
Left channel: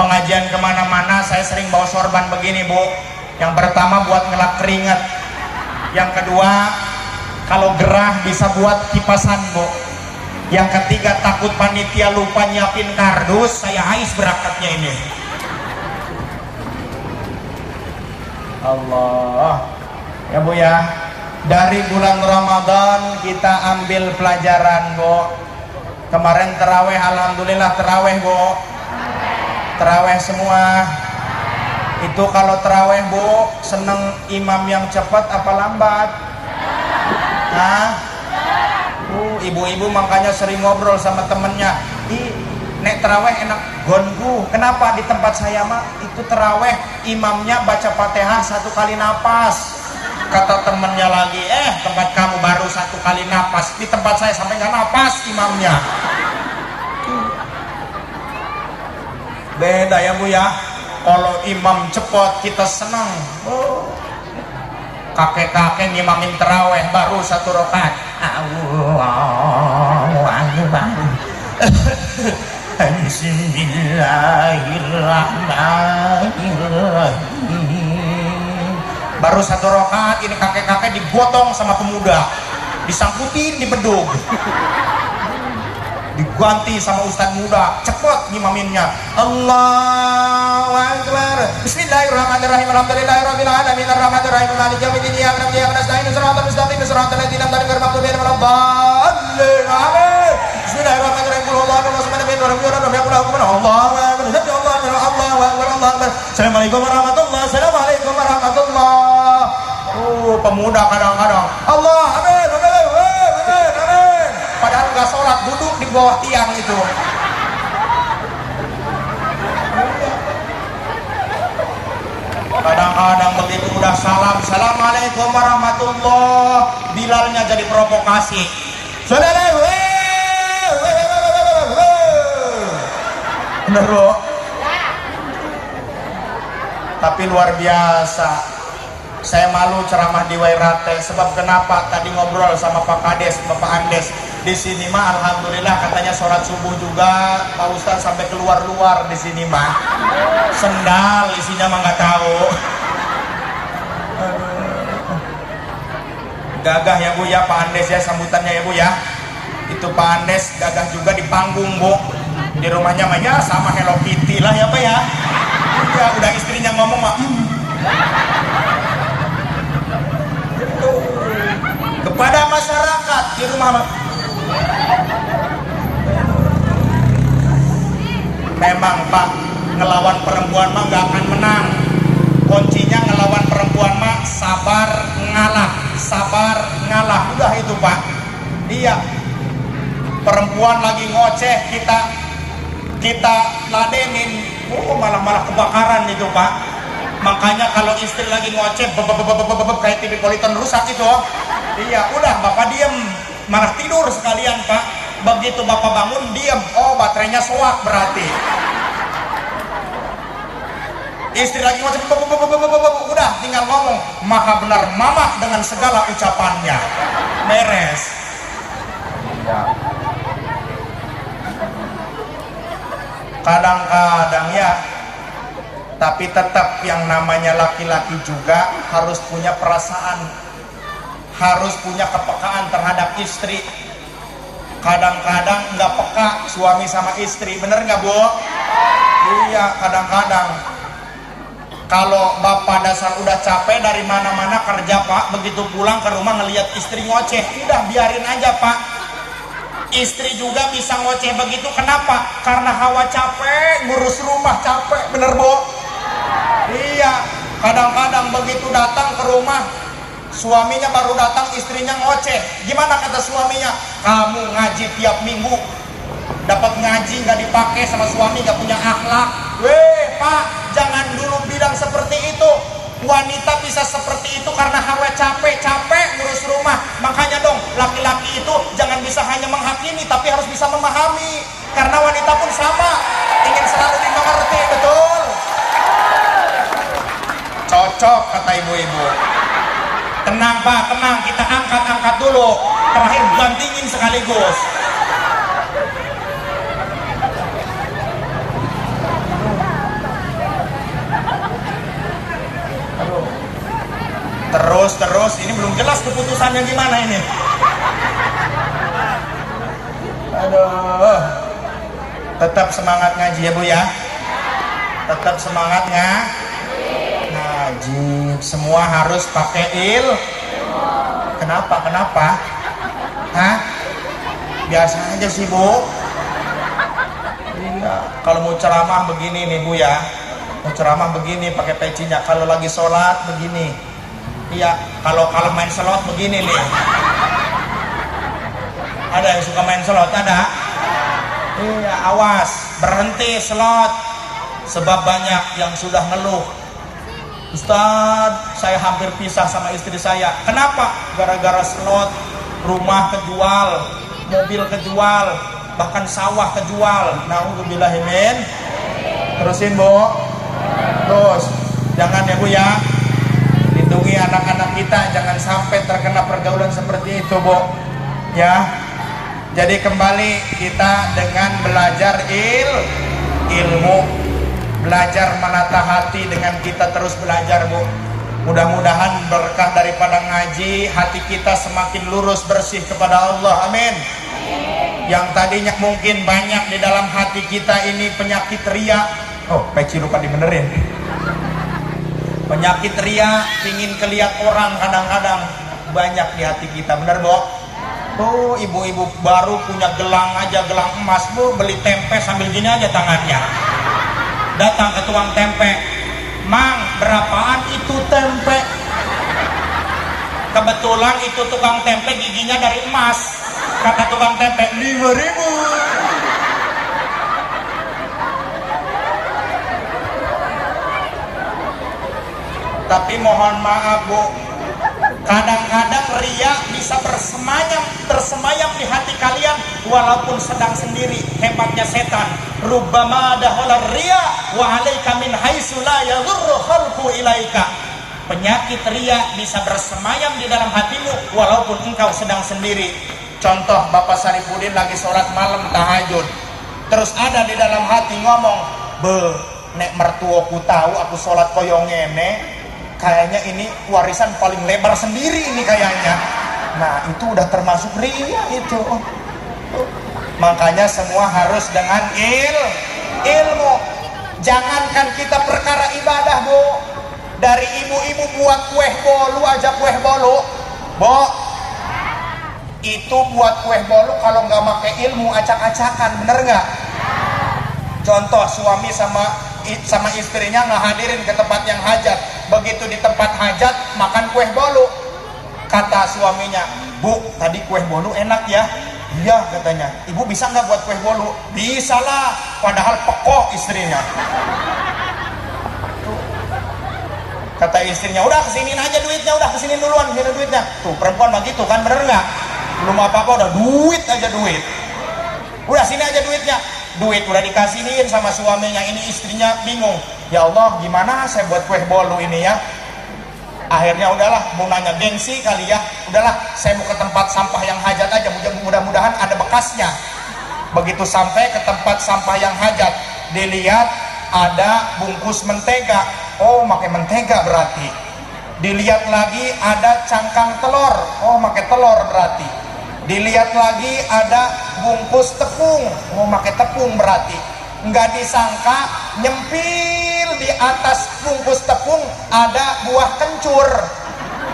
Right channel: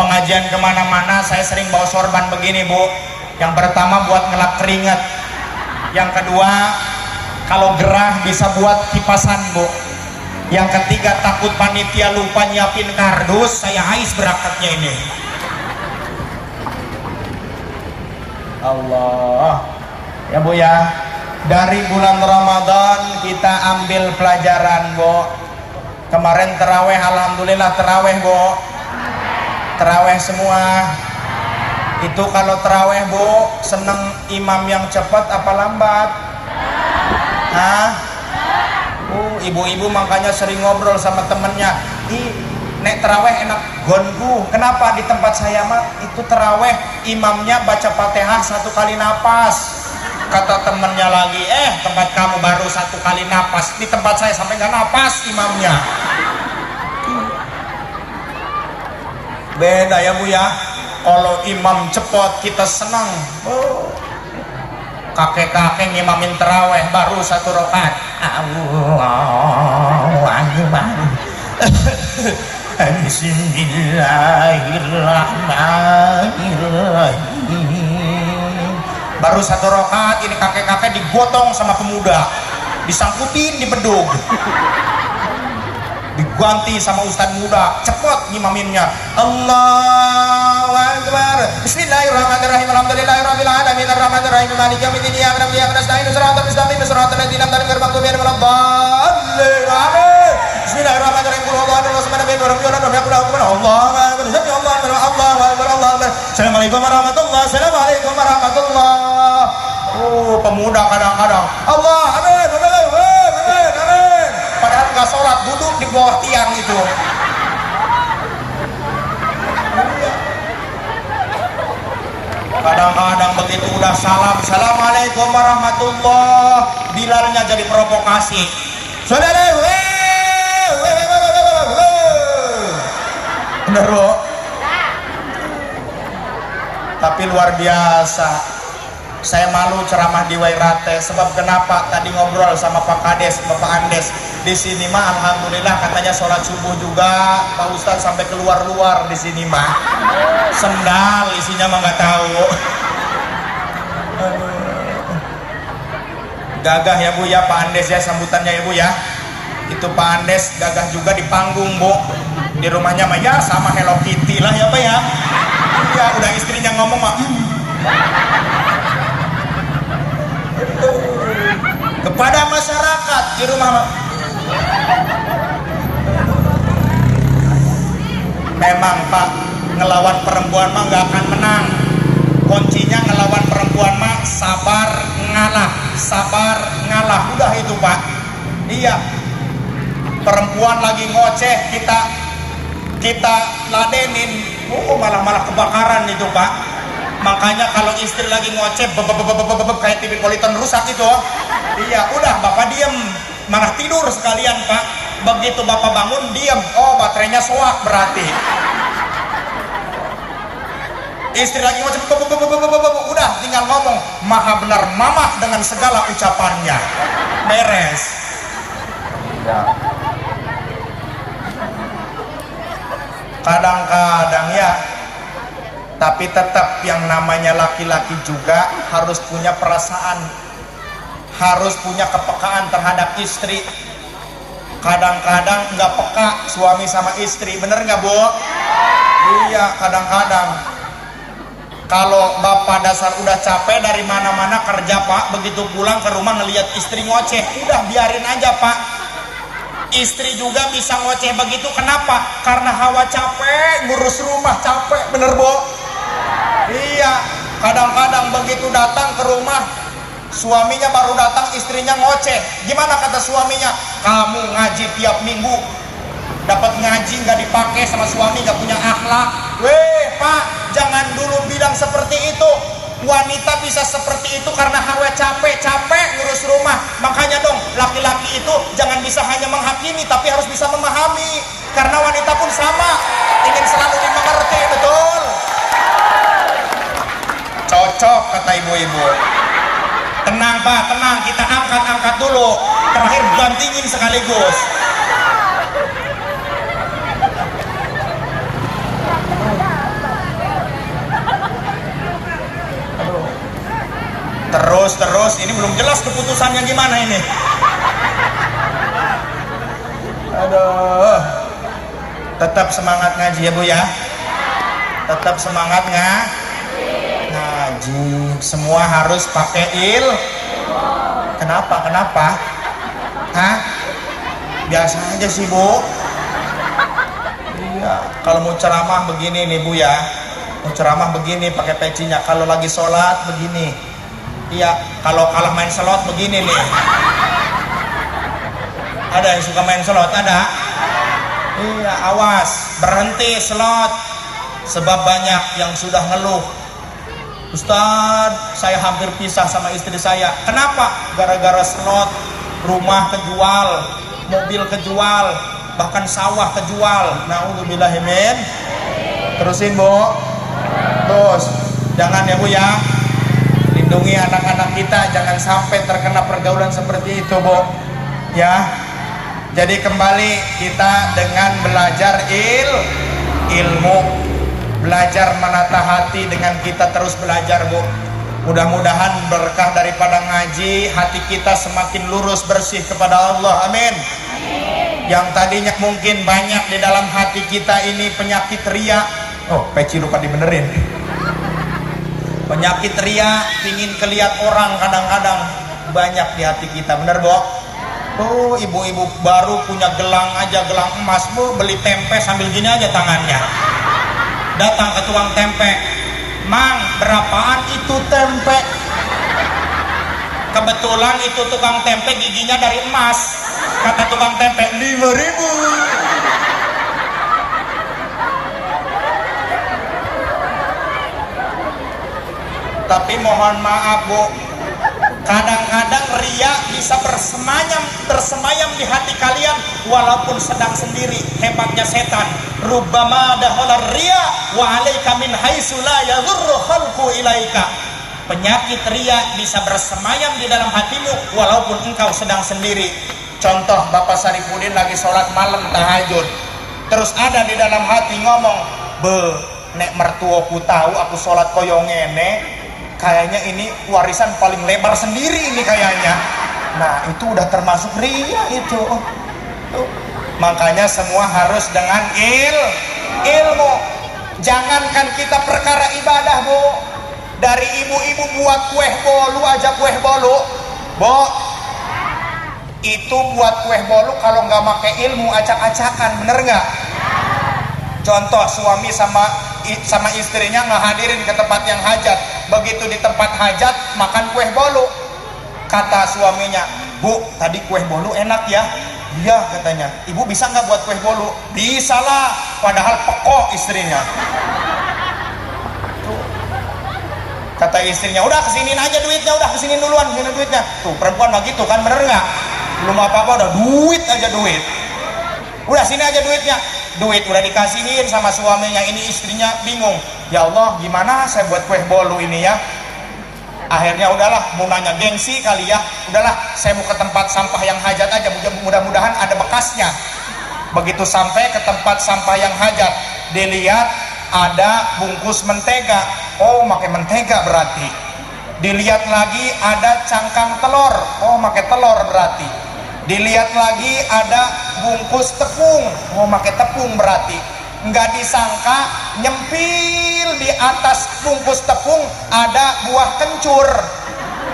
pengajian kemana-mana saya sering bawa sorban begini bu. Yang pertama buat ngelap keringat, yang kedua kalau gerah bisa buat kipasan bu, yang ketiga takut panitia lupa nyiapin kardus, saya hais berangkatnya ini. Allah ya bu ya. Dari bulan Ramadan kita ambil pelajaran bu. Kemarin terawih, alhamdulillah terawih bu, terawih semua. Itu kalau terawih bu, seneng imam yang cepat apa lambat? Hah? Ibu-ibu makanya sering ngobrol sama temennya, nek terawih enak gongu. Kenapa? Di tempat saya mah itu terawih imamnya baca Fatihah 1 kali napas. Kata temennya lagi, tempat kamu baru 1 kali napas, di tempat saya sampai nggak napas imamnya. Beda ya bu ya. Kalau imam cepat kita senang. Kakek-kakek ngimamin terawih baru 1 rakaat. Allahu Akbar. Bismillahirrahmanirrahim. Baru 1 rakaat ini kakek-kakek digotong sama pemuda, disangkutin di bedug, diganti sama ustadz muda, cepet ngimaminnya. Allahu Akbar. Bismillahirrahmanirrahim. Alhamdulillahirabbil alamin arrahmanirrahim maliki yaumiddin iyyaka na'budu wa iyyaka nasta'in shiratal mustaqim shiratal ladzina an'amta 'alaihim ghairil maghdubi 'alaihim waladdallin. Amin. Bismillahirrahmanirrahim. Allahu akbar. Assalamualaikum warahmatullahi. Assalamualaikum warahmatullahi. Pemuda kadang-kadang Allah amin amin amin amin. Padahal nggak sholat, duduk di bawah tiang itu. Kadang-kadang begitu udah salam, assalamualaikum warahmatullah, Bilalnya jadi provokasi. Saudara, bener bro. Tapi luar biasa. Saya malu ceramah di Wairate, sebab kenapa? Tadi ngobrol sama Pak Kades, Bapak Andes. Di sini mah alhamdulillah katanya sholat subuh juga Pak Ustadz sampai keluar-luar di sini mah. Sendal isinya mah nggak tahu. Gagah ya Bu ya Pak Andes ya sambutannya ya Bu ya. Itu Pak Andes gagah juga di panggung Bu. Di rumahnya mah ya sama Hello Kitty lah ya Pak ya. Ya udah istrinya ngomong mah. Kepada masyarakat di rumah memang Pak, ngelawan perempuan mah nggak akan menang. Kuncinya ngelawan perempuan mah sabar ngalah, udah itu Pak. Iya, perempuan lagi ngoceh kita ladenin, malah kebakaran itu Pak. Makanya kalau istri lagi ngoceh kayak TV Politon rusak itu. Iya, udah Bapak diem, malah tidur sekalian Pak. Begitu Bapak bangun diem, oh baterainya soak berarti. Istri lagi ngoceh, udah tinggal ngomong maha benar mamah dengan segala ucapannya, beres. Kadang-kadang ya, tapi tetap yang namanya laki-laki juga harus punya perasaan, harus punya kepekaan terhadap istri. Kadang-kadang nggak peka suami sama istri, bener nggak Bu? Iya, kadang-kadang kalau bapak dasar udah capek dari mana-mana kerja Pak, begitu pulang ke rumah ngelihat istri ngoceh, udah biarin aja Pak. Istri juga bisa ngoceh begitu, kenapa? Karena hawa capek, ngurus rumah capek, bener Bu? Iya, kadang-kadang begitu datang ke rumah, suaminya baru datang, istrinya ngoceh. Gimana kata suaminya? Kamu ngaji tiap minggu, dapat ngaji nggak dipakai sama suami, nggak punya akhlak. Weh Pak, jangan dulu bilang seperti itu. Wanita bisa seperti itu karena hawa capek ngurus rumah. Makanya dong, laki-laki itu jangan bisa hanya menghakimi, tapi harus bisa memahami. Karena wanita pun sama, ingin selalu dimengerti, betul? Cocok kata ibu-ibu. Tenang Pak, tenang, kita angkat dulu. Terakhir gantingin sekaligus. Terus, ini belum jelas keputusannya gimana ini. Aduh, tetap semangat ngaji ya Bu ya. Tetap semangat ngaji. Semua harus pakai Kenapa? Hah? Biasa aja sih Bu. Iya, kalau mau ceramah begini nih Bu ya. Mau ceramah begini pakai pecinya. Kalau lagi sholat begini. Iya, kalau main slot begini nih. Ada yang suka main slot? Ada? Iya, awas, berhenti slot. Sebab banyak yang sudah ngeluh. Ustadz, saya hampir pisah sama istri saya. Kenapa? Gara-gara slot, rumah kejual, mobil kejual, bahkan sawah kejual. Na'udzubillahimin. Terusin Bu. Terus, jangan ya Bu ya. Lindungi anak-anak kita jangan sampai terkena pergaulan seperti itu Bu ya. Jadi kembali kita dengan belajar ilmu, belajar menata hati dengan kita terus belajar Bu. Mudah-mudahan berkah daripada ngaji, hati kita semakin lurus bersih kepada Allah, amin. Yang tadinya mungkin banyak di dalam hati kita ini penyakit ria. Oh, peci lupa dibenerin. Penyakit ria, ingin kelihat orang, kadang-kadang banyak di hati kita, bener Bu? Oh, ibu-ibu baru punya gelang aja, gelang emas Bu, beli tempe sambil gini aja tangannya. Datang ke tukang tempe, Mang, berapaan itu tempe? Kebetulan itu tukang tempe giginya dari emas. Kata tukang tempe, 5.000. Tapi mohon maaf Bu, kadang-kadang ria bisa tersemayam di hati kalian walaupun sedang sendiri. Hebatnya setan. Rubbama dahala ria wa alaika min haitsu la yadhurru khalqu ilaika. Penyakit ria bisa bersemayam di dalam hatimu walaupun engkau sedang sendiri. Contoh, Bapak Sarifudin lagi sholat malam tahajud, terus ada di dalam hati ngomong, nek mertuaku tahu aku sholat koyo ngene, kayaknya ini warisan paling lebar sendiri ini kayaknya. Nah, itu udah termasuk ria itu. Makanya semua harus dengan ilmu. Jangankan kita perkara ibadah Bu, dari ibu-ibu buat kue bolu aja, kue bolu Bu, itu buat kue bolu kalau nggak pakai ilmu acak-acakan, bener nggak? Contoh, suami sama istrinya ngehadirin ke tempat yang hajat. Begitu di tempat hajat makan kue bolu, kata suaminya, Bu, tadi kue bolu enak ya? Iya katanya. Ibu bisa nggak buat kue bolu? Bisa lah, padahal pekok istrinya. Kata istrinya, udah kesinin aja duitnya, udah kesinin duluan, kesinin duitnya. Tuh perempuan begitu kan, bener nggak? Belum apa-apa udah duit aja duit. Udah sini aja duitnya. Duit udah dikasihin sama suaminya, ini istrinya bingung. ya Allah gimana saya buat kue bolu ini ya. Akhirnya udahlah, mau nanya gengsi kali ya, udahlah saya mau ke tempat sampah yang hajat aja, mudah-mudahan ada bekasnya. Begitu sampai ke tempat sampah yang hajat, dilihat ada bungkus mentega. Oh, pakai mentega berarti. Dilihat lagi ada cangkang telur. Oh, pakai telur berarti. Dilihat lagi ada bungkus tepung. Oh, pakai tepung berarti. Nggak disangka nyempil di atas bungkus tepung ada buah kencur.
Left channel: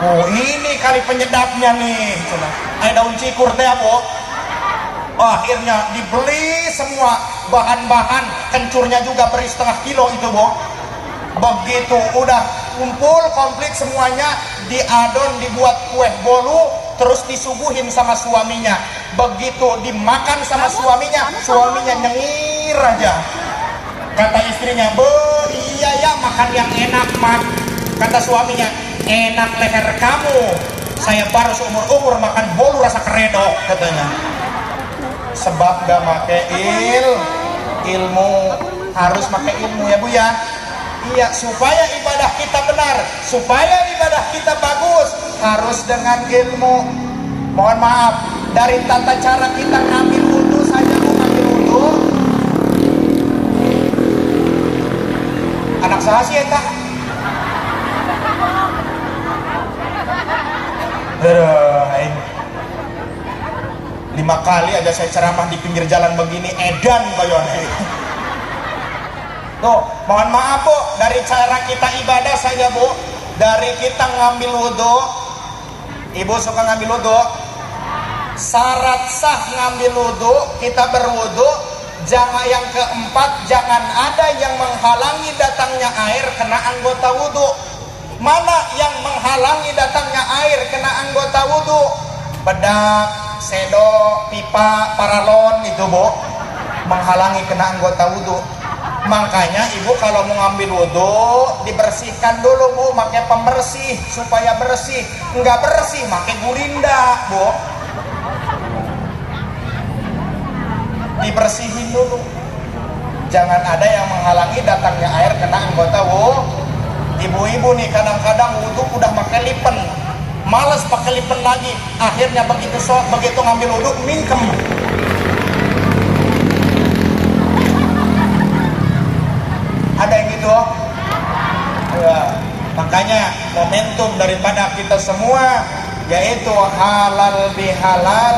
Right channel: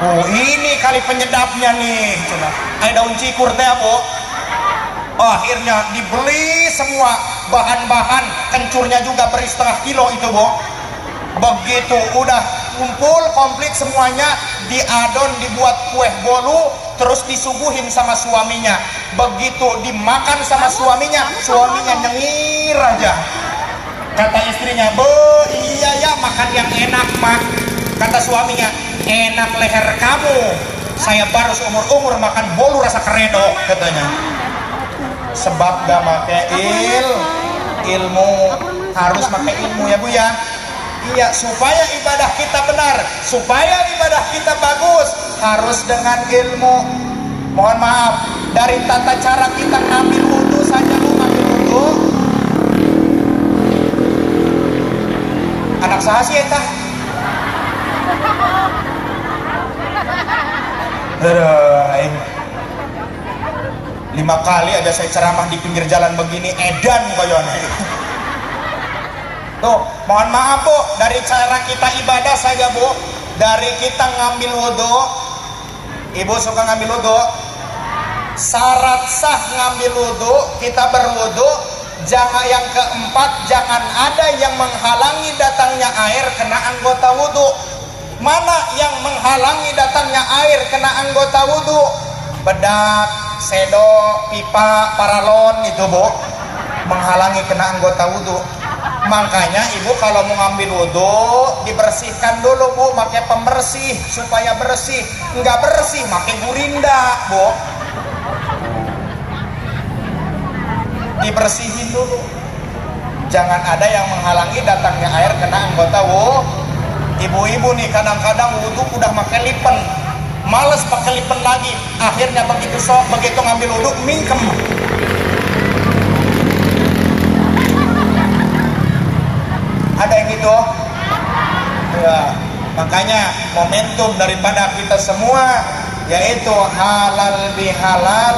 Oh, ini kali penyedapnya nih. Coba. Ada daun cikur teh apa? Oh, akhirnya dibeli semua bahan-bahan, kencurnya juga beri setengah kilo itu, Bo. Begitu udah kumpul komplit semuanya, diadon, dibuat kue bolu, terus disuguhin sama suaminya. Begitu dimakan sama suaminya nyengir aja. Kata istrinya, "Bu, iya ya makan yang enak mah." Kata suaminya, "Enak leher kamu, saya baru seumur-umur makan bolu rasa keredok," katanya. Sebab gak make ilmu, harus make ilmu ya Bu ya. Iya, supaya ibadah kita benar, supaya ibadah kita bagus, harus dengan ilmu. Mohon maaf, dari tata cara kita ngambil wudhu saja, ngambil wudhu. Anak saya sih eta. 5 kali aja saya ceramah di pinggir jalan begini, edan kayaknya. Tuh, mohon maaf Bu, dari cara kita ibadah saja Bu, dari kita ngambil wudhu. Ibu suka ngambil wudhu? Syarat sah ngambil wudhu, kita berwudhu, jangan yang keempat, jangan ada yang menghalangi datangnya air kena anggota wudhu. Mana yang menghalangi datangnya air kena anggota wudhu? Bedak, sendok, pipa, paralon itu Bu, menghalangi kena anggota wudhu. Makanya ibu kalau mau ngambil wudhu dibersihkan dulu Bu, pakai pembersih supaya bersih. Enggak bersih pakai gurinda Bu, dibersihin dulu. Jangan ada yang menghalangi datangnya air kena anggota wudhu. Ibu-ibu nih kadang-kadang wudhu udah pakai lipen, malas pakai lipen lagi. Akhirnya begitu ngambil wudhu mingkem. Ada yang gitu ya, makanya momentum daripada kita semua yaitu halal bihalal.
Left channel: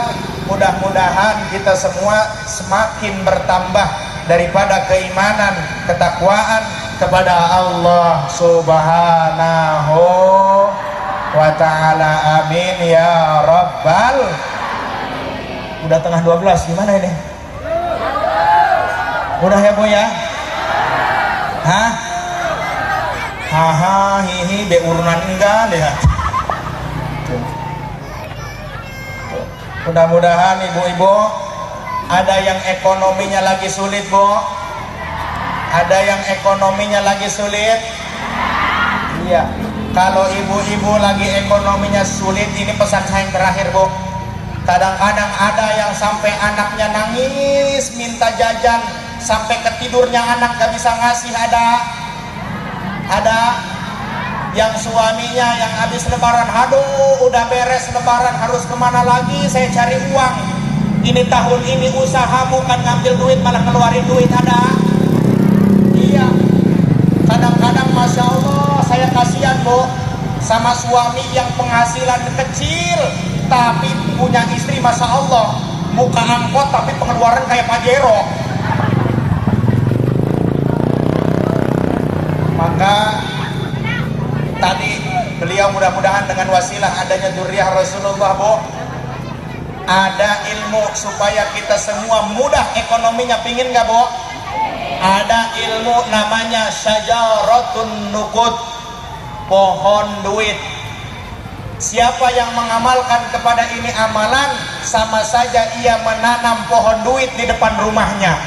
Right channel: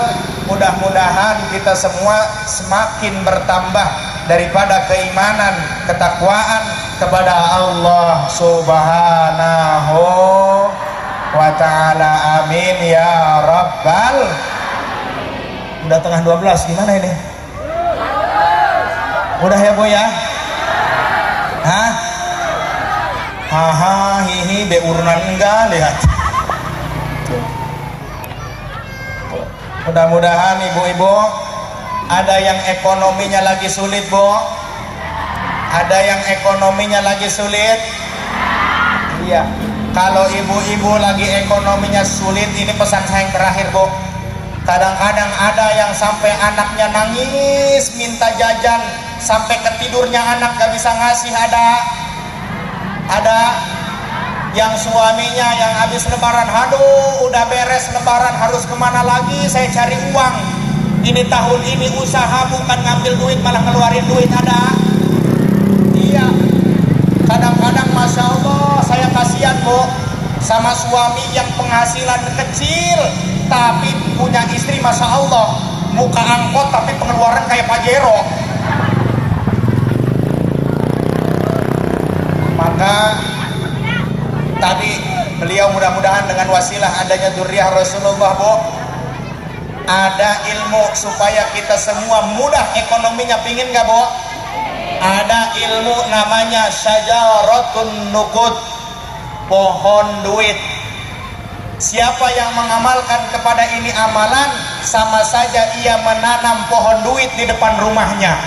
Mudah-mudahan kita semua semakin bertambah daripada keimanan, ketakwaan kepada Allah Subhanahu wa ta'ala. Amin ya rabbal. Udah tengah 12, gimana ini? Udah ya Bu ya? Hah? Haha, hihi, be urunan enggak lihat. Mudah-mudahan ibu-ibu ada yang ekonominya lagi sulit Bu, ada yang ekonominya lagi sulit. Iya, kalau ibu-ibu lagi ekonominya sulit, ini pesan saya yang terakhir Bu. Kadang-kadang ada yang sampai anaknya nangis minta jajan, sampai ketidurnya anak gak bisa ngasih. Ada yang suaminya yang habis lebaran, aduh udah beres lebaran harus kemana lagi saya cari uang, ini tahun ini usaha bukan ngambil duit malah ngeluarin duit. Ada. Iya, kadang-kadang Masya Allah saya kasihan Bu sama suami yang penghasilan kecil tapi punya istri Masya Allah muka angkot tapi pengeluaran kayak Pajero. Maka tadi beliau mudah-mudahan dengan wasilah adanya dzurriyyah Rasulullah Bu, ada ilmu supaya kita semua mudah ekonominya. Pingin gak Bu? Ada ilmu namanya syajaratun nuqud, pohon duit. Siapa yang mengamalkan kepada ini amalan, sama saja ia menanam pohon duit di depan rumahnya.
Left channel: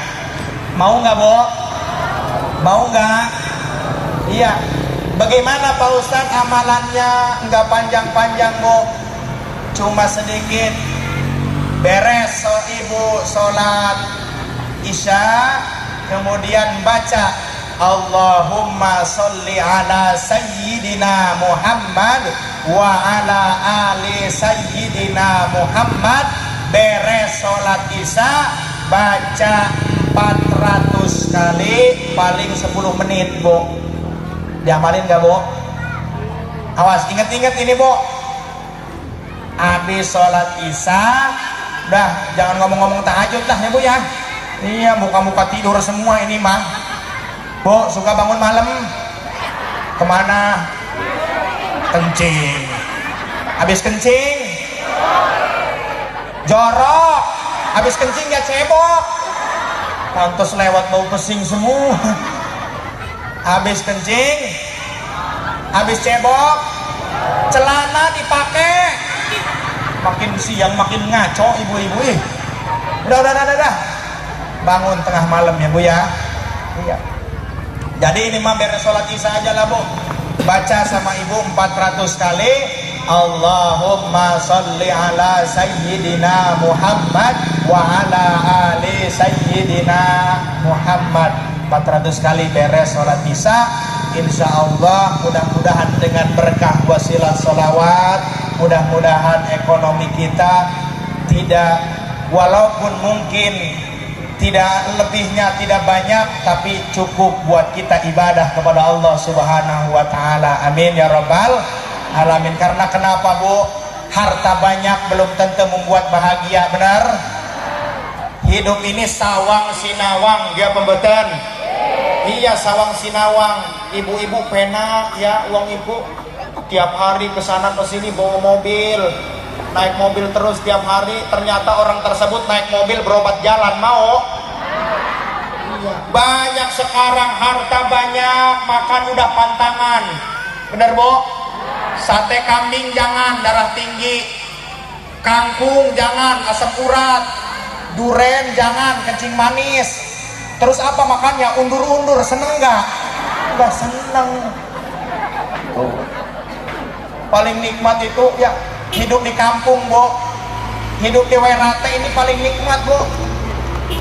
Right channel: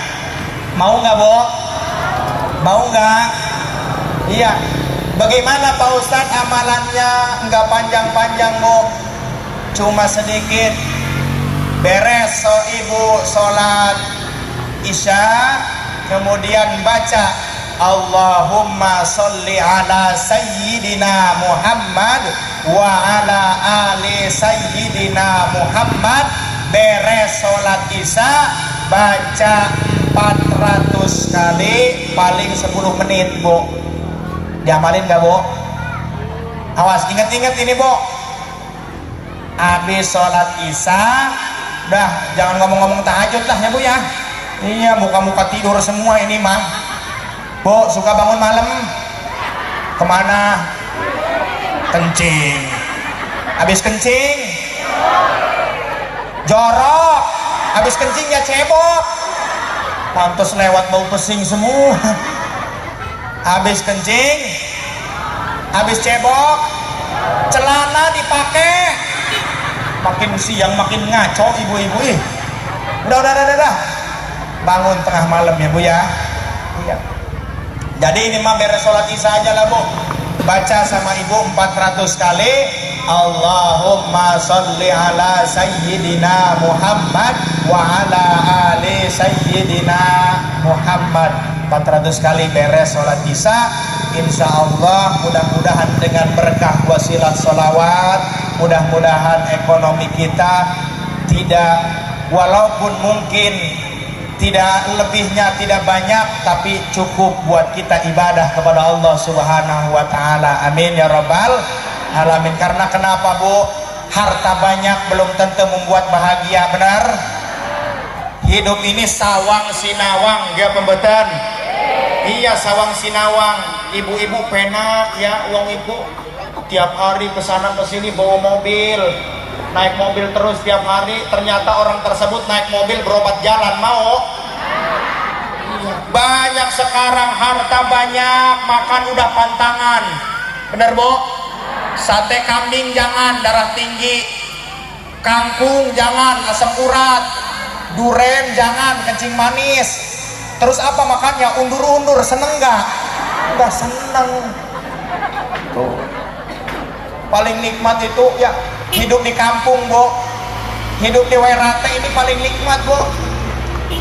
Mau nggak Bu? Mau nggak? Iya. Bagaimana Pak Ustadz amalannya? Nggak panjang-panjang Bu, cuma sedikit. Beres ibu sholat isya, kemudian baca Allahumma sholli ala sayyidina Muhammad wa ala ali sayyidina Muhammad. Beres sholat isya baca 400 kali paling 10 menit, Bu. Diamalin gak, Bu? Awas, ingat-ingat ini, Bu. Habis sholat isya, udah jangan ngomong-ngomong tahajud lah ya, Bu ya. Iya, muka-muka tidur semua ini mah. Bu, suka bangun malam kemana? Kencing. Habis kencing jorok, habis kencing ya cebok. Pantes lewat bau pesing semua. Habis kencing, habis cebok, celana dipakai. Makin siang makin ngaco ibu-ibu. Udah. Bangun tengah malam ya, Bu ya. Iya. Jadi ini mah beres sholat isya aja lah, Bu. Baca sama ibu 400 kali. Allahumma sholli ala sayyidina Muhammad wa ala ali sayyidina Muhammad. 400 kali beres sholat isya. Insya Allah mudah-mudahan dengan berkah wasilah sholawat, mudah-mudahan ekonomi kita tidak, walaupun mungkin tidak lebihnya, tidak banyak, tapi cukup buat kita ibadah kepada Allah Subhanahu wa Ta'ala. Amin ya Rabbal Alamin. Karena kenapa, Bu? Harta banyak belum tentu membuat bahagia, benar? Hidup ini sawang sinawang, dia pembetan. Iya, sawang sinawang. Ibu-ibu penak ya, uang ibu tiap hari kesana kesini bawa mobil, naik mobil terus tiap hari. Ternyata orang tersebut naik mobil berobat jalan, mau? Banyak sekarang harta banyak, makan udah pantangan, bener, Bu? Sate kambing jangan, darah tinggi. Kangkung jangan, asam urat. Duren jangan, kencing manis. Terus apa makannya? Undur-undur, seneng gak? Udah seneng. Paling nikmat itu ya hidup di kampung, Bu. Hidup di Werate ini paling nikmat, Bu.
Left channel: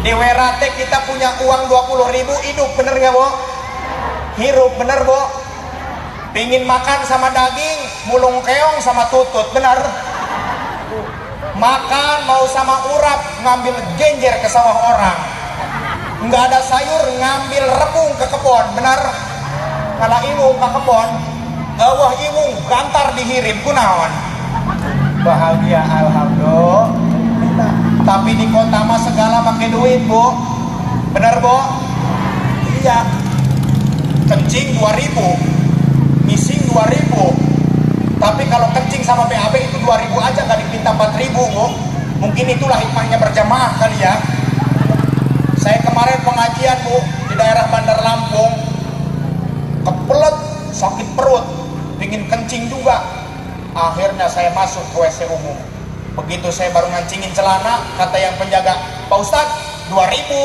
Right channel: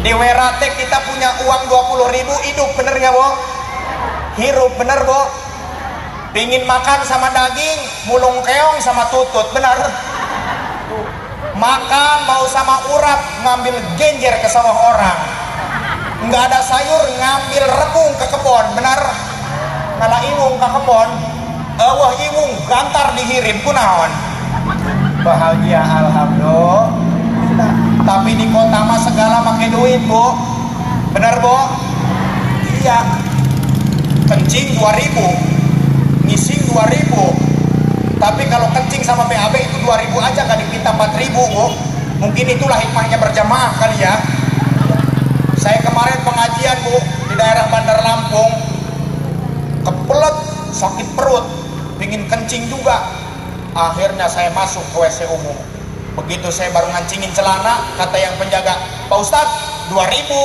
Di Werate kita punya uang 20.000, hidup, bener gak, Bu? Hirup, bener, Bu? Pingin makan sama daging, mulung keong sama tutut, bener? Makan mau sama urap, ngambil genjer ke sawah orang. Nggak ada sayur, ngambil rebung ke kebon, bener? Kalau ingung ke kebon, wah ingung, gantar dihirim, kunaon? Bahagia, alhamdulillah. Tapi di kota mah segala pakai duit, Bu. Bener, Bu? Iya. Kencing 2.000, missing 2.000. Tapi kalau kencing sama BAB itu 2.000 aja, kan dipinta 4.000, Bu. Mungkin itulah hikmahnya berjamaah kali ya. Saya kemarin pengajian, Bu, di daerah Bandar Lampung, kebelet sakit perut, pingin kencing juga. Akhirnya saya masuk ke WC umum. Begitu saya baru ngancingin celana, kata yang penjaga, Pak Ustadz, 2.000.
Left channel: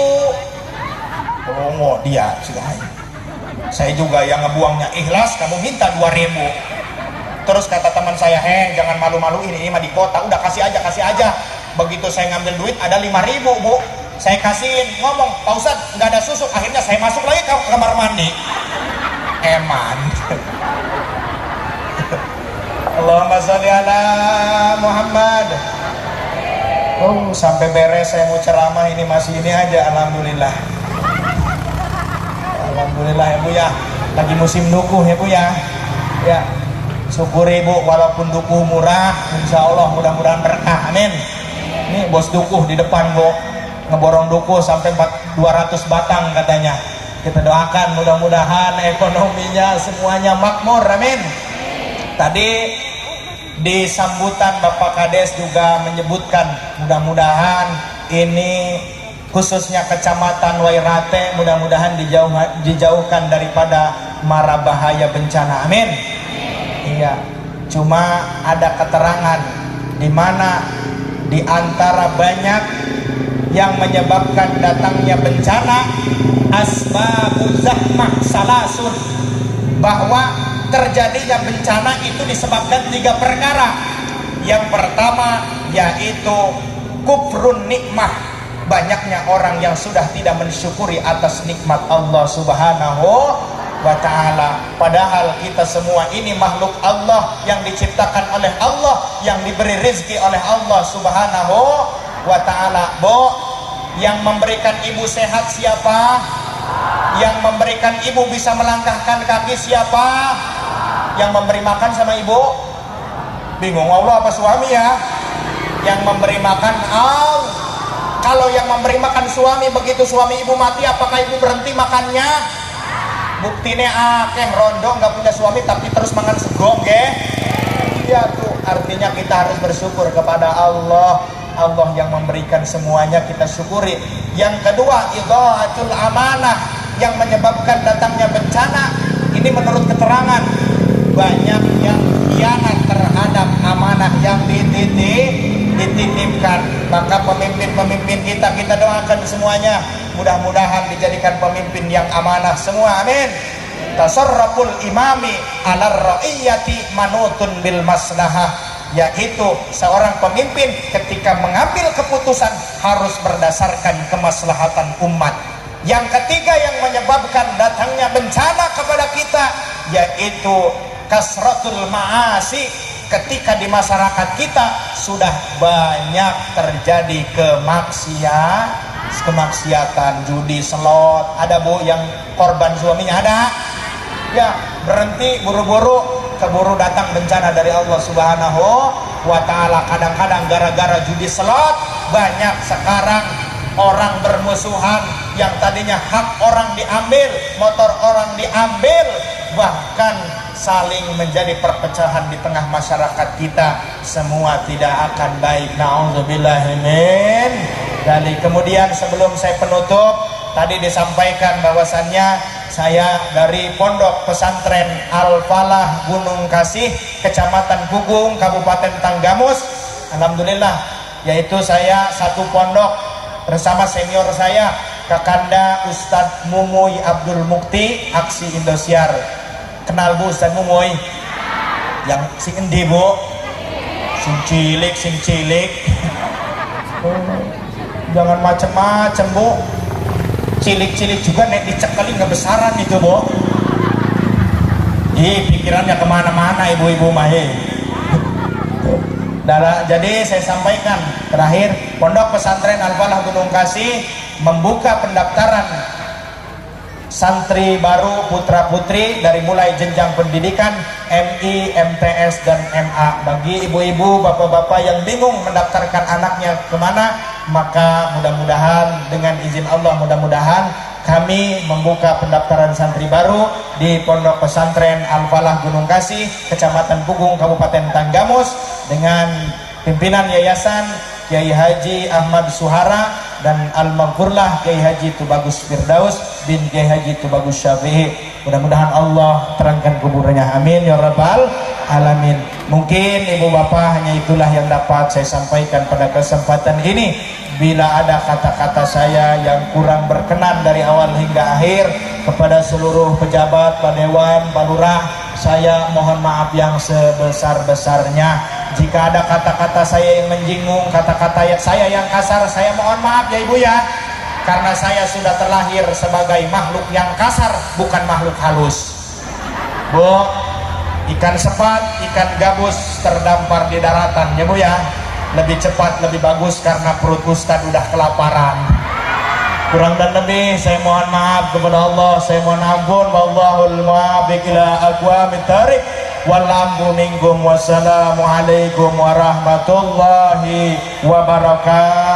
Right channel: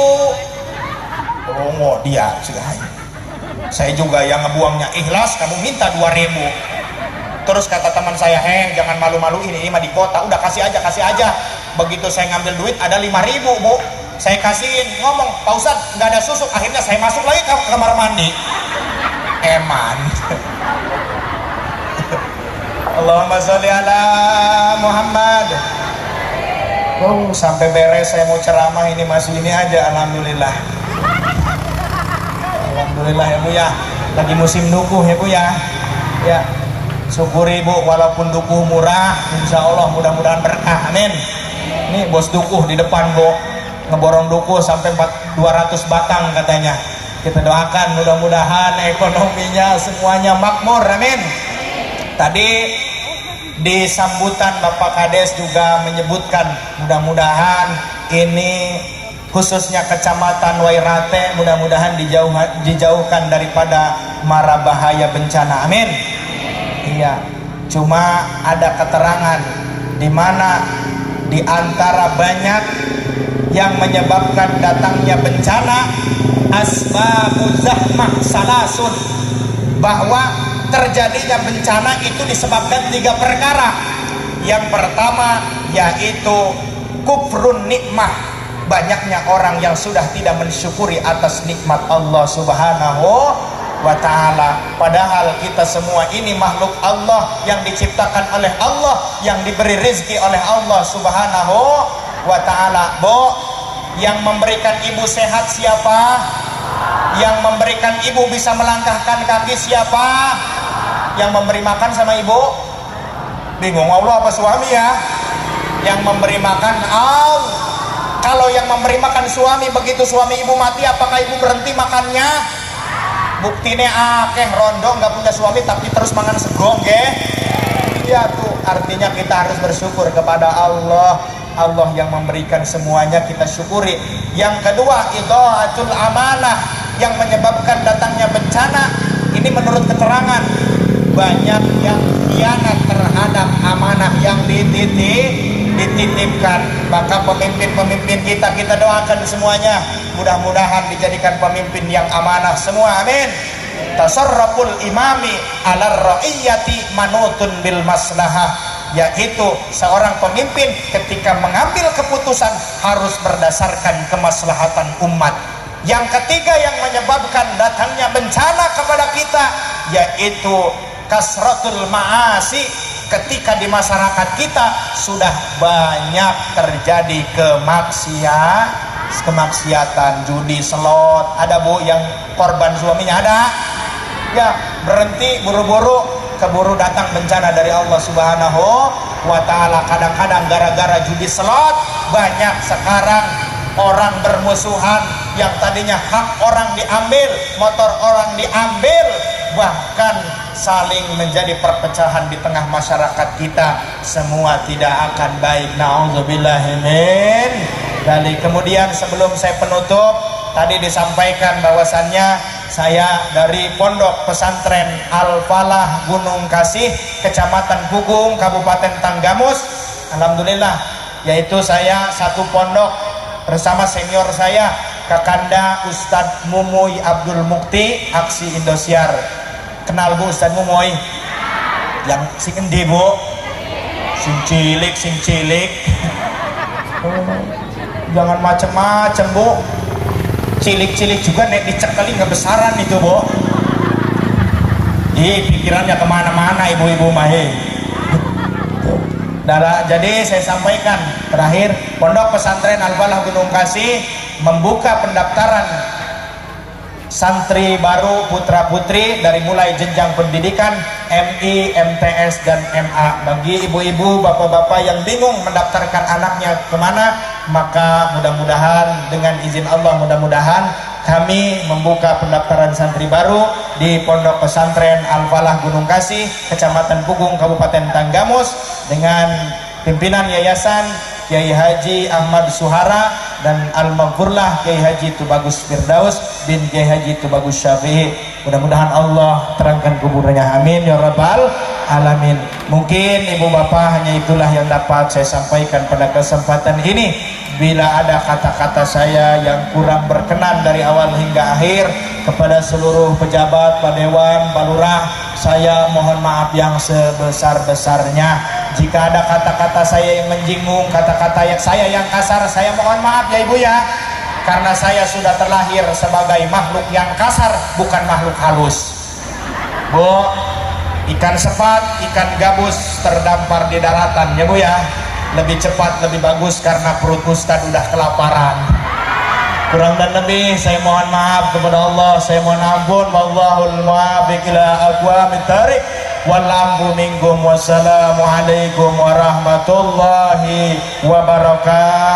Oh, dia sudah. Saya juga yang ngebuangnya ikhlas, kamu minta 2.000. Terus kata teman saya, jangan malu-maluin, ini mah di kota, udah kasih aja. Begitu saya ngambil duit, ada 5.000, Bu. Saya kasihin, ngomong, Pak Ustadz, nggak ada susu. Akhirnya saya masuk lagi ke kamar mandi. Eman. Allahumma sholli ala Muhammad. Sampai beres saya mau ceramah ini masih ini aja, alhamdulillah. Alhamdulillah ya, Bu ya. Lagi musim dukuh ya, Bu ya. Ya, syukuri, Bu, walaupun dukuh murah, insya Allah mudah-mudahan berkah, amin. Ini bos dukuh di depan, Bu, ngeborong dukuh sampai 200 batang katanya. Kita doakan mudah-mudahan ekonominya semuanya makmur, amin. Tadi di sambutan Bapak Kades juga menyebutkan mudah-mudahan ini khususnya Kecamatan Wairate mudah-mudahan dijauhkan daripada mara bahaya bencana, amin. Iya, cuma ada keterangan di mana di antara banyak yang menyebabkan datangnya bencana, asbabuz zahmah salasun, bahwa terjadinya bencana itu disebabkan 3 perkara. Yang pertama yaitu kufrun nikmah, banyaknya orang yang sudah tidak mensyukuri atas nikmat Allah Subhanahu wa ta'ala. Padahal kita semua ini makhluk Allah yang diciptakan oleh Allah, yang diberi rezeki oleh Allah Subhanahu wa ta'ala. Yang memberikan ibu sehat siapa? Yang memberikan ibu bisa melangkahkan kaki siapa? Yang memberi makan sama ibu? Bingung Allah apa suami ya? Yang memberi makan Allah. Kalau yang memberi makan suami, begitu suami ibu mati, apakah ibu berhenti makannya? Buktinya akeh rondo nggak punya suami tapi terus makan segong ya tuh, artinya kita harus bersyukur kepada Allah. Allah yang memberikan semuanya, kita syukuri. Yang kedua, idha'atul amanah, yang menyebabkan datangnya bencana. Ini menurut keterangan, banyak yang khianat terhadap amanah yang dititipkan. Maka pemimpin-pemimpin kita doakan semuanya, mudah-mudahan dijadikan pemimpin yang amanah semua, amin. Tasarruful imami ala ra'iyyati manutun bil maslahah, yaitu seorang pemimpin ketika mengambil keputusan harus berdasarkan kemaslahatan umat. Yang ketiga yang menyebabkan datangnya bencana kepada kita yaitu kasratul ma'asi, ketika di masyarakat kita sudah banyak terjadi kemaksiatan, judi, selot. Ada bu yang korban suaminya ada? Ya, berhenti buru-buru, keburu datang bencana dari Allah Subhanahu wa ta'ala. Kadang-kadang gara-gara judi selot banyak sekarang orang bermusuhan, yang tadinya hak orang diambil, motor orang diambil, bahkan saling menjadi perpecahan di tengah masyarakat kita. Semua tidak akan baik. Na'udzubillahimin. Dan kemudian sebelum saya penutup, tadi disampaikan bahwasannya saya dari Pondok Pesantren Al-Falah Gunung Kasih, Kecamatan Pugung, Kabupaten Tanggamus. Alhamdulillah, yaitu saya satu pondok bersama senior saya, Kakanda Ustadz Mumuy Abdul Mukti, Aksi Indosiar. Kenal bu Ustadz Mumuy? Yang sing endi bu? Sing cilik. Jangan macem-macem bu. Cilik-cilik juga nek dicekali ngebesaran itu bu. Pikirannya kemana-mana ibu-ibu mahe. Jadi saya sampaikan terakhir, Pondok Pesantren Al-Falah Gunung Kasih membuka pendaftaran santri baru putra-putri dari mulai jenjang pendidikan MI, MTS, dan MA. Bagi ibu-ibu, bapak-bapak yang bingung mendaftarkan anaknya kemana, maka mudah-mudahan dengan izin Allah, mudah-mudahan kami membuka pendaftaran santri baru di Pondok Pesantren Al-Falah Gunung Kasih, Kecamatan Pugung, Kabupaten Tanggamus, dengan pimpinan Yayasan Kiai Haji Ahmad Suhara dan Al-Maghfurlah Kiai Haji Tubagus Firdaus bin Kiai Haji Tubagus Syafi'i. Mudah-mudahan Allah terangkan kuburnya, amin ya rabbal alamin. Mungkin ibu bapak hanya itulah yang dapat saya sampaikan pada kesempatan ini. Bila ada kata-kata saya yang kurang berkenan dari awal hingga akhir, kepada seluruh pejabat, Pak Dewan, Pak Lurah, saya mohon maaf yang sebesar-besarnya. Jika ada kata-kata saya yang menjinggung, kata-kata saya yang kasar, saya mohon maaf ya ibu ya. Karena saya sudah terlahir sebagai makhluk yang kasar, bukan makhluk halus. Bu, ikan sepat, ikan gabus terdampar di daratan ya bu ya. Lebih cepat, lebih bagus karena perut Ustadz udah kelaparan. Kurang dan lebih saya mohon maaf kepada Allah, saya mohon ampun. Wallahul muwaffiq ila aqwamit thariq. Wal amru minkum. Wassalamualaikum warahmatullahi wabarakatuh.